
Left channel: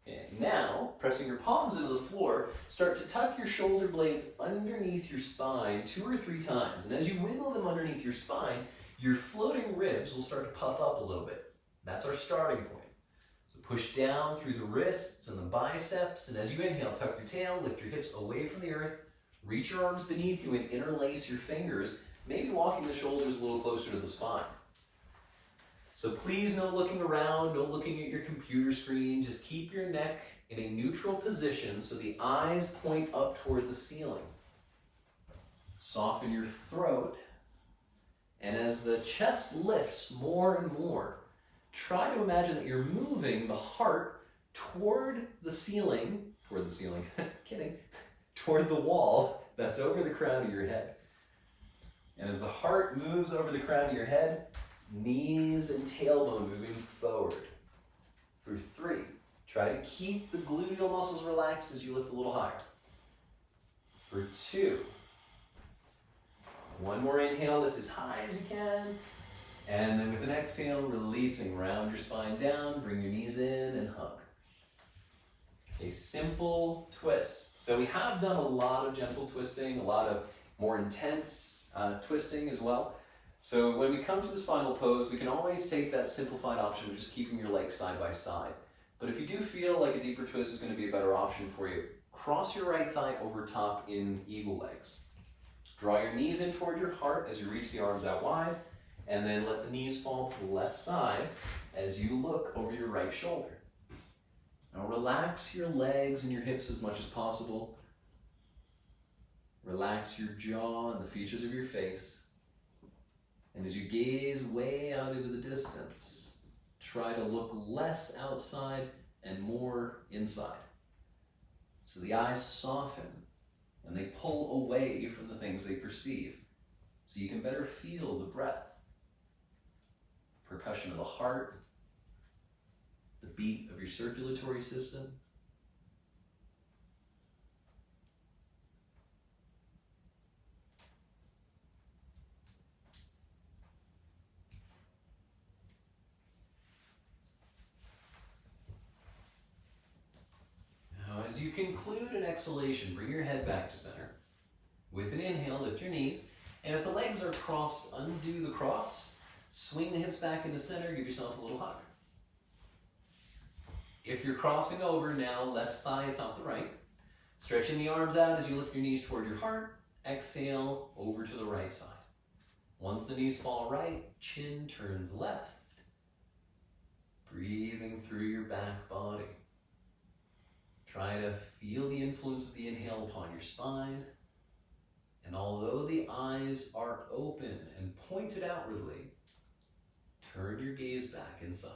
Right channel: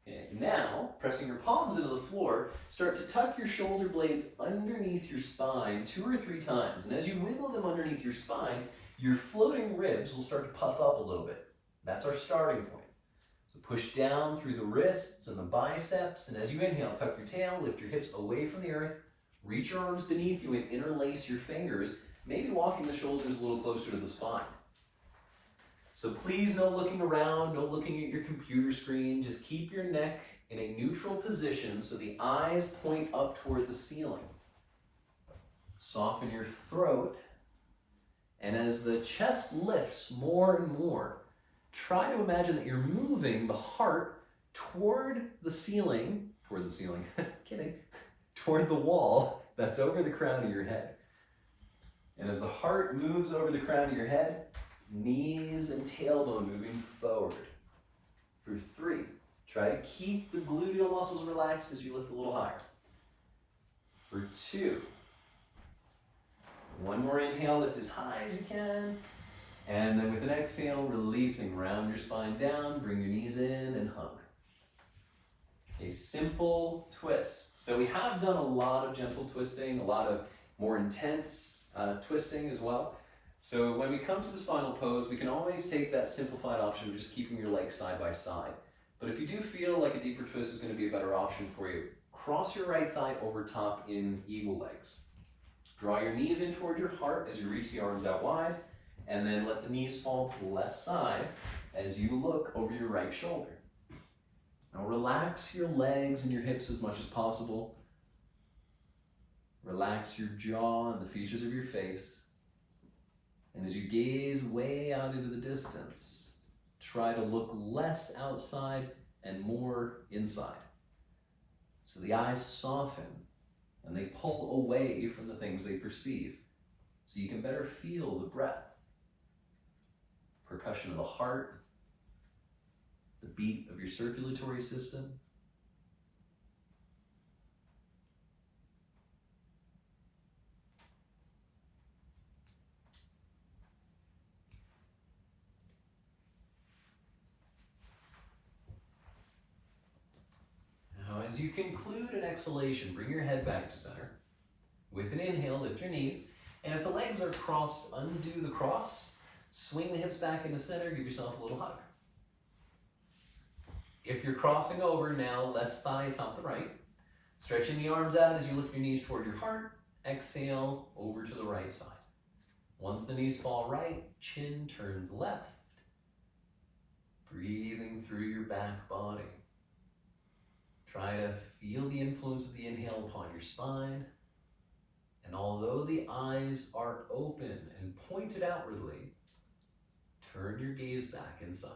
Okay, now, pressing your palms into the floor, start to tuck your shoulder blades underneath your spine 2 or 3 times. And as you wiggle them underneath your spine, your floating ribs will start to puff up a little bit. That's our starting point. So push down through the wrists and the biceps, and as you inhale, tuck your tail, lift your hips away from the earth, reach your arms beneath you and interlace your fingers, maybe walking the shoulders a little closer to the spine. So please no looking around, no looking at your computer screen, just keep your neck in a neutral position so the eyes point up toward the ceiling. Soften your throat, and as the chest lifts more and more, try to imagine that you're moving the heart toward the ceiling, kidding, toward the wall that's over the crown of your head. And as the heart moves over the crown of your head, knees and tailbone moving forward. For 3, try to keep the gluteal muscles relaxed as you lift a little higher. For 2, one more inhale, lift as high as you can. And then with an exhale, releasing, round your spine down, bring your knees in and hug. A simple twist. So we have done a lot of gentle twisting, a lot of more intense twisting as well. So when we come to this final pose, we can always take that simplified option of just keeping your legs side by side. But if you do feel like a deeper twist is going to be a better option for you, cross your right thigh over top in eagle legs. Draw your knees in toward your heart as you reach the arms out wide, and then let the knees fall to the left side as you look over your right shoulder. Now relax your legs and your hips as much as possible. Relax your jaw and the features of your face. And as you gaze way out into the distance, try to look less outside and more inside. So the eyes soften and they pull away from the things they perceive, so you can better feel the breath, percussion of the heart, the beat of your circulatory system. Now, as you conclude an exhalation, bring your head back to center. With an inhale, lift your knees, and if the legs are crossed, undo the cross, swing the hips back into center, give yourself a little hug. If you're crossing over now, left thigh atop the right, stretching the arms out as you lift your knees toward your heart, exhale over to the right side. Once the knees fall right, chin turns left. Breathing through your back body. Try to feel the influence of the inhale upon your spine. And although the eyes are open and pointed outwardly, turn your gaze back inside.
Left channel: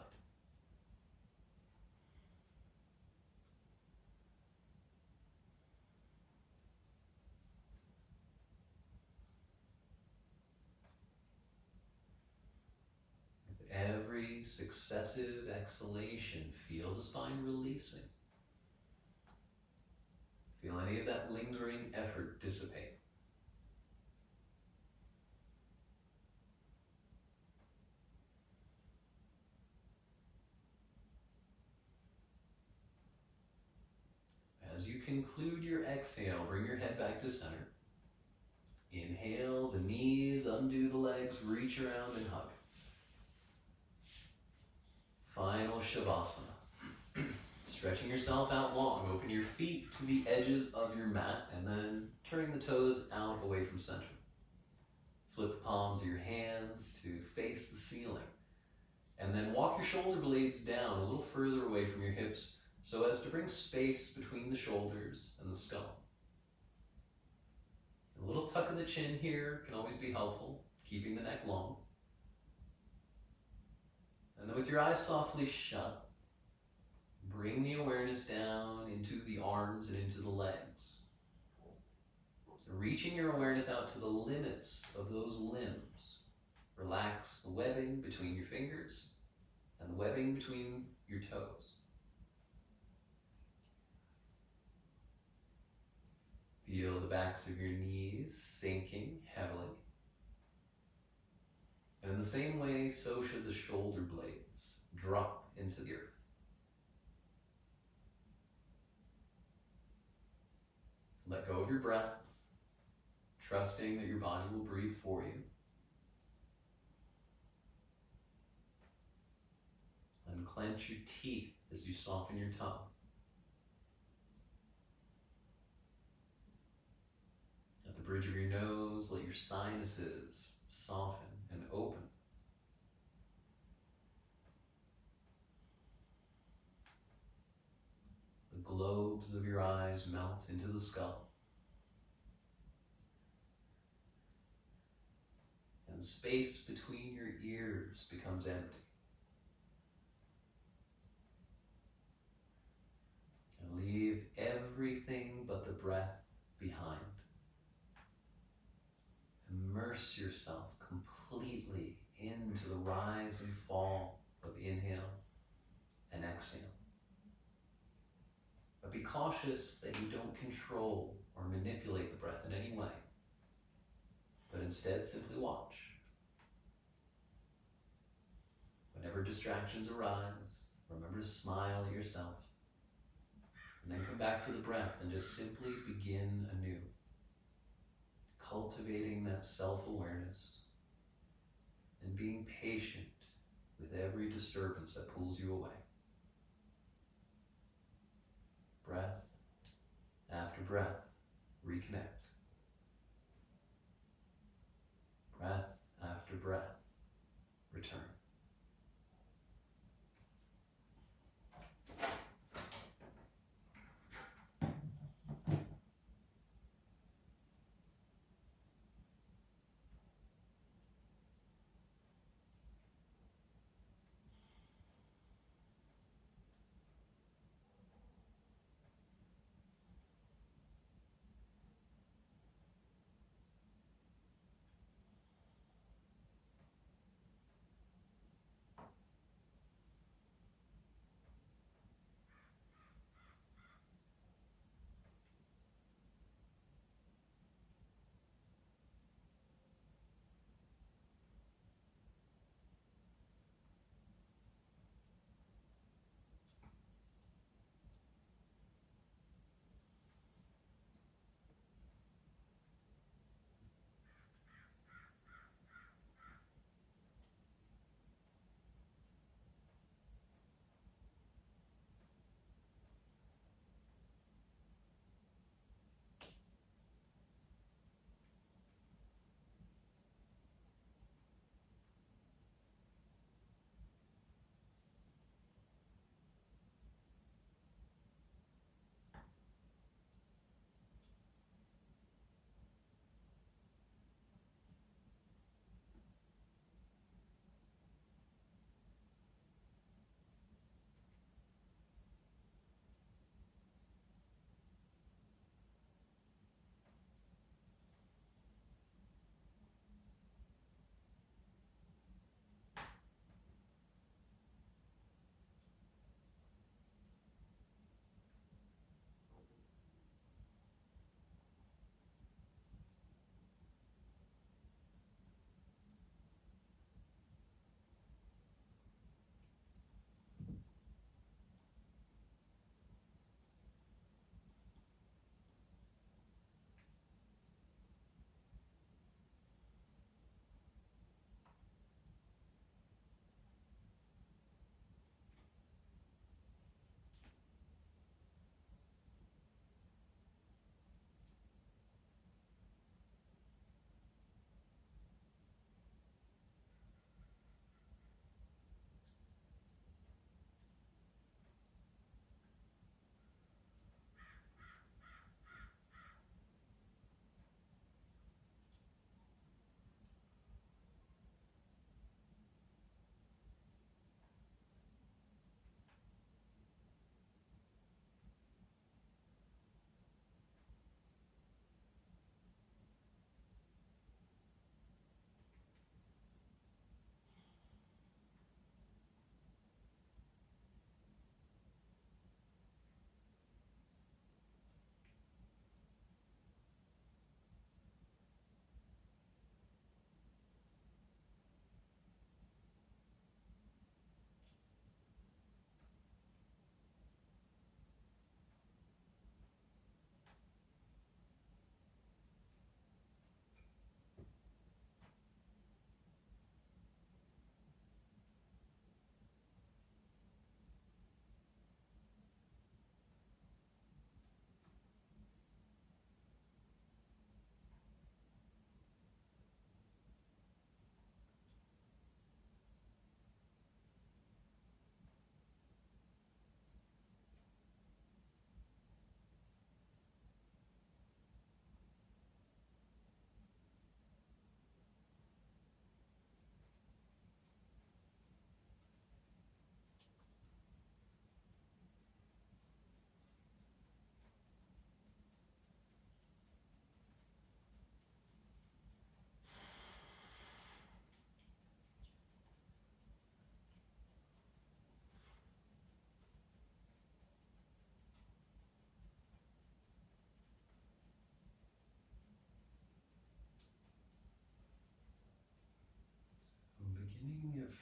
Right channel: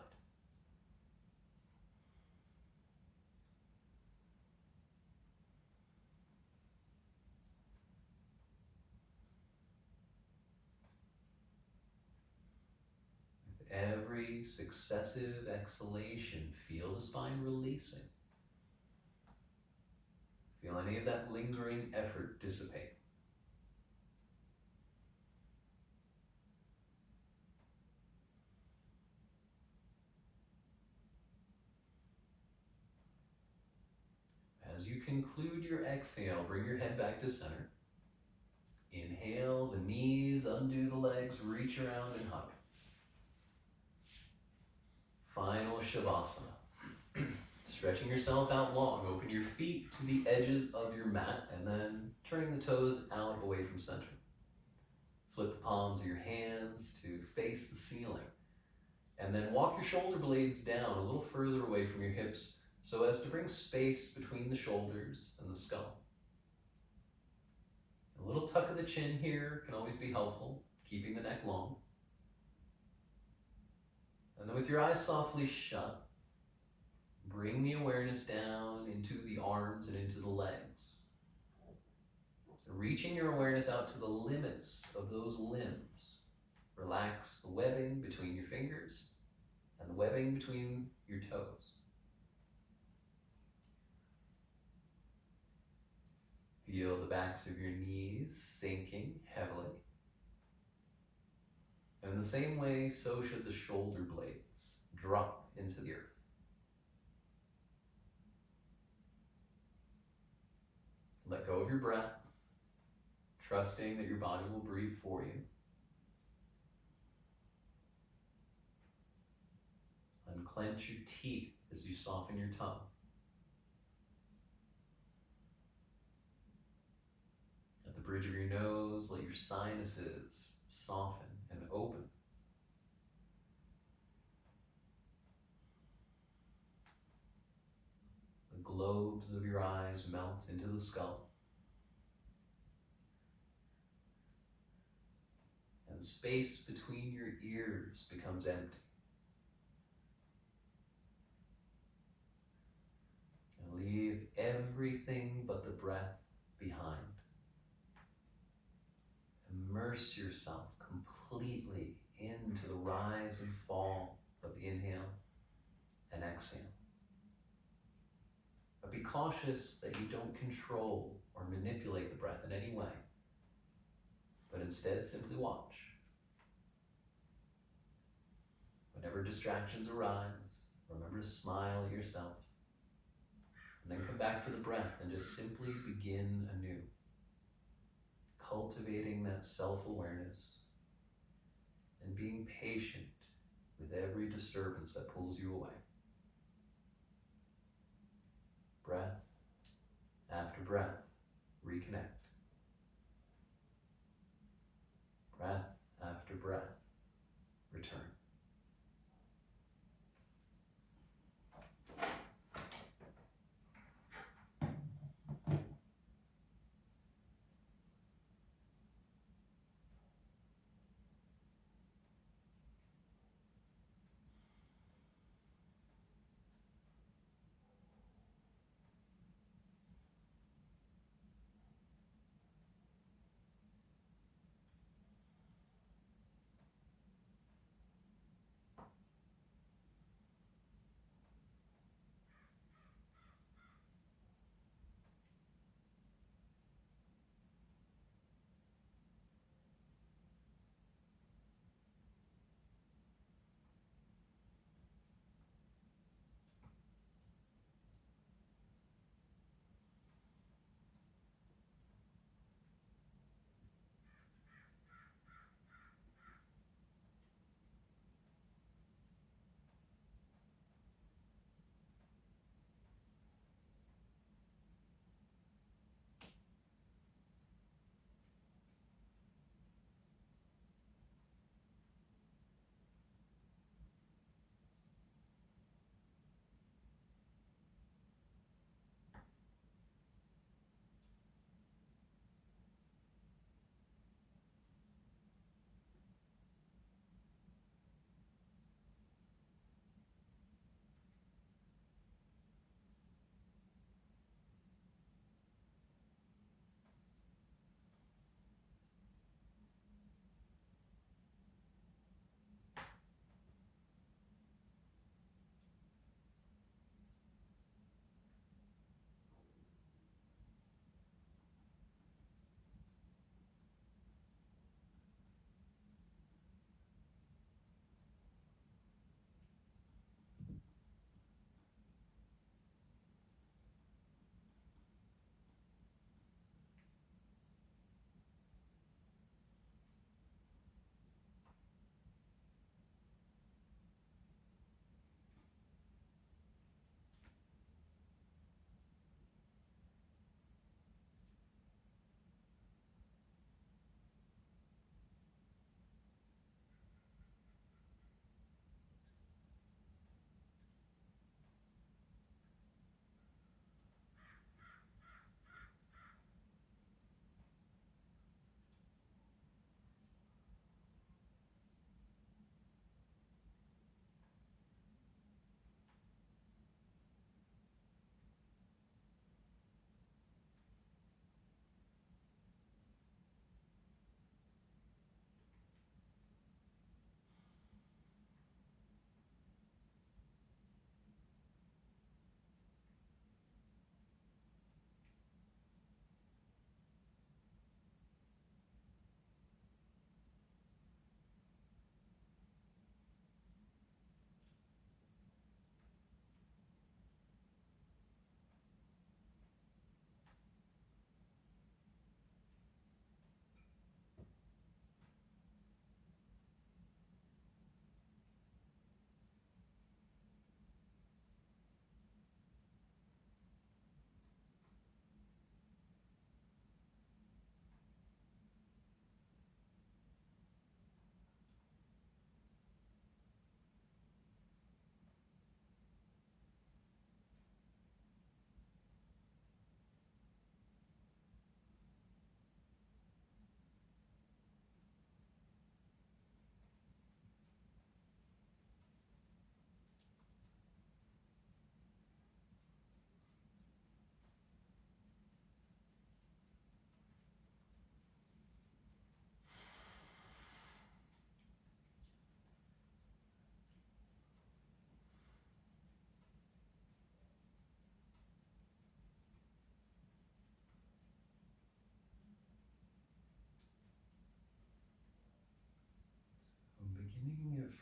With every successive exhalation, feel the spine releasing. Feel any of that lingering effort dissipate. As you conclude your exhale, bring your head back to center. Inhale, the knees, undo the legs, reach around and hug. Final Shavasana. Stretching yourself out long, open your feet to the edges of your mat and then turning the toes out away from center. Flip the palms of your hands to face the ceiling. And then walk your shoulder blades down a little further away from your hips, so as to bring space between the shoulders and the skull. A little tuck of the chin here can always be helpful, keeping the neck long. And then with your eyes softly shut, bring the awareness down into the arms and into the legs. So reaching your awareness out to the limits of those limbs. Relax the webbing between your fingers and the webbing between your toes. Feel the backs of your knees sinking heavily. And in the same way, so should the shoulder blades drop into the earth. Let go of your breath, trusting that your body will breathe for you. Unclench your teeth as you soften your tongue. At the bridge of your nose, let your sinuses soften and open. The globes of your eyes melt into the skull. And the space between your ears becomes empty. And leave everything but the breath behind. Immerse yourself completely into the rise and fall of inhale and exhale. But be cautious that you don't control or manipulate the breath in any way, but instead simply watch. Whenever distractions arise, remember to smile at yourself, and then come back to the breath and just simply begin anew. Cultivating that self-awareness and being patient with every disturbance that pulls you away. Breath after breath, reconnect. Breath after breath, return.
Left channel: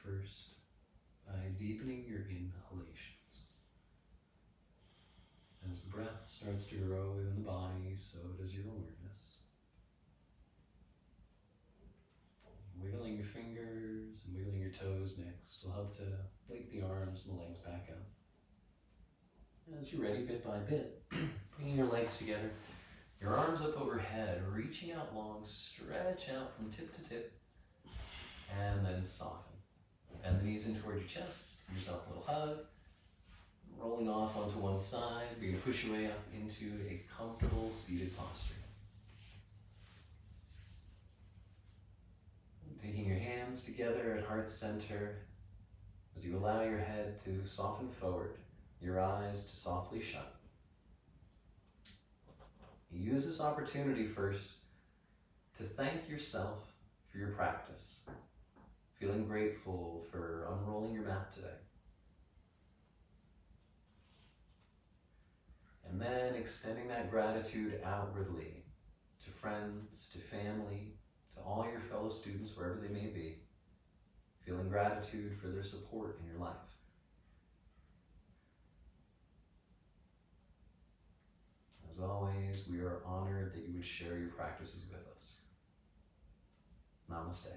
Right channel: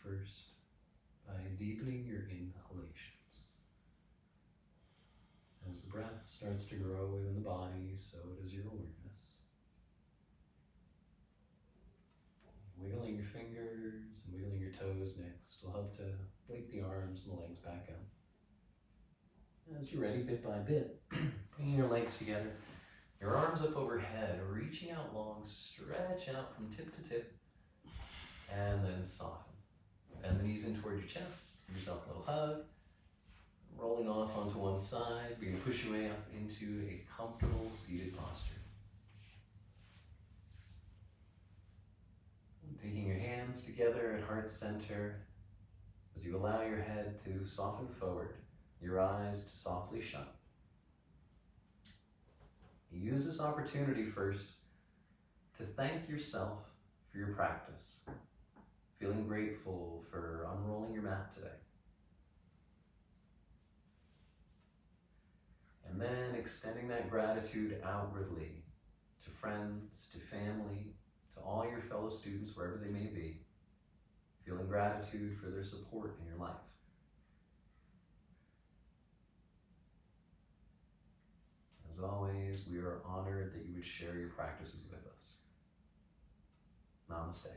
first by deepening your inhalations. As the breath starts to grow within the body, so does your awareness. Wiggling your fingers and wiggling your toes next will help to wake the arms and the legs back up. As you're ready, bit by bit, bringing your legs together, your arms up overhead, reaching out long, stretch out from tip to tip, and then soften. Bend the knees in toward your chest, give yourself a little hug, rolling off onto one side, begin to push your way up into a comfortable seated posture. Taking your hands together at heart center as you allow your head to soften forward, your eyes to softly shut. Use this opportunity first to thank yourself for your practice, feeling grateful for unrolling your mat today. And then extending that gratitude outwardly to friends, to family, to all your fellow students, wherever they may be, feeling gratitude for their support in your life. As always, we are honored that you would share your practices with us. Namaste.